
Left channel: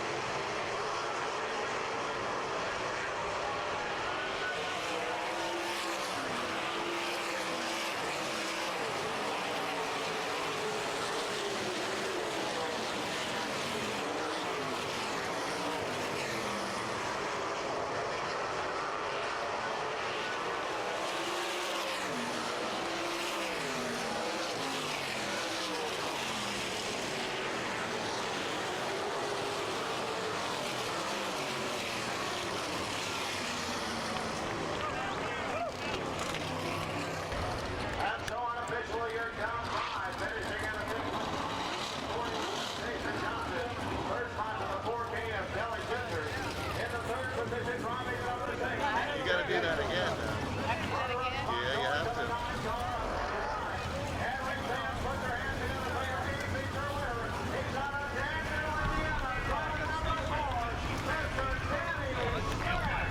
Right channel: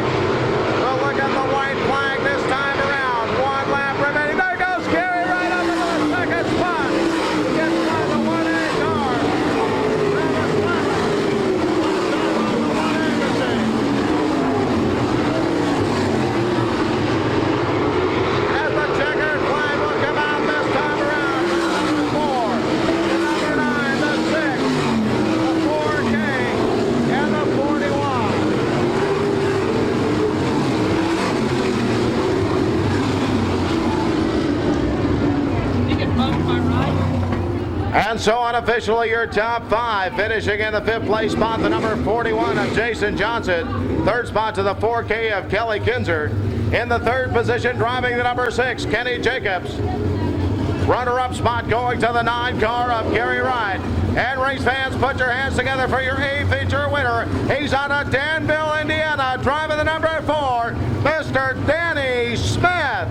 We'll look at the white flag this time around. 1 lap remaining. There goes Gary Wright up into the 2nd spot. Gets by the 1A car. As the checkered flag will come out this time around. The 4, the number 9, the 6, the 4K, and the 41. And so unofficially your top 5, finishing in the 5th place spot, the number 41 of Jason Johnson. 3rd spot to the 4K of Kelly Kinzer. In the 3rd position, driving the number 6, Kenny Jacobs. Runner-up spot going to the 9 car of Gary Wright. And race fans, put your hands together for your A feature winner. He's out of Danville, Indiana, driving the number 4, Mr. Danny Smith.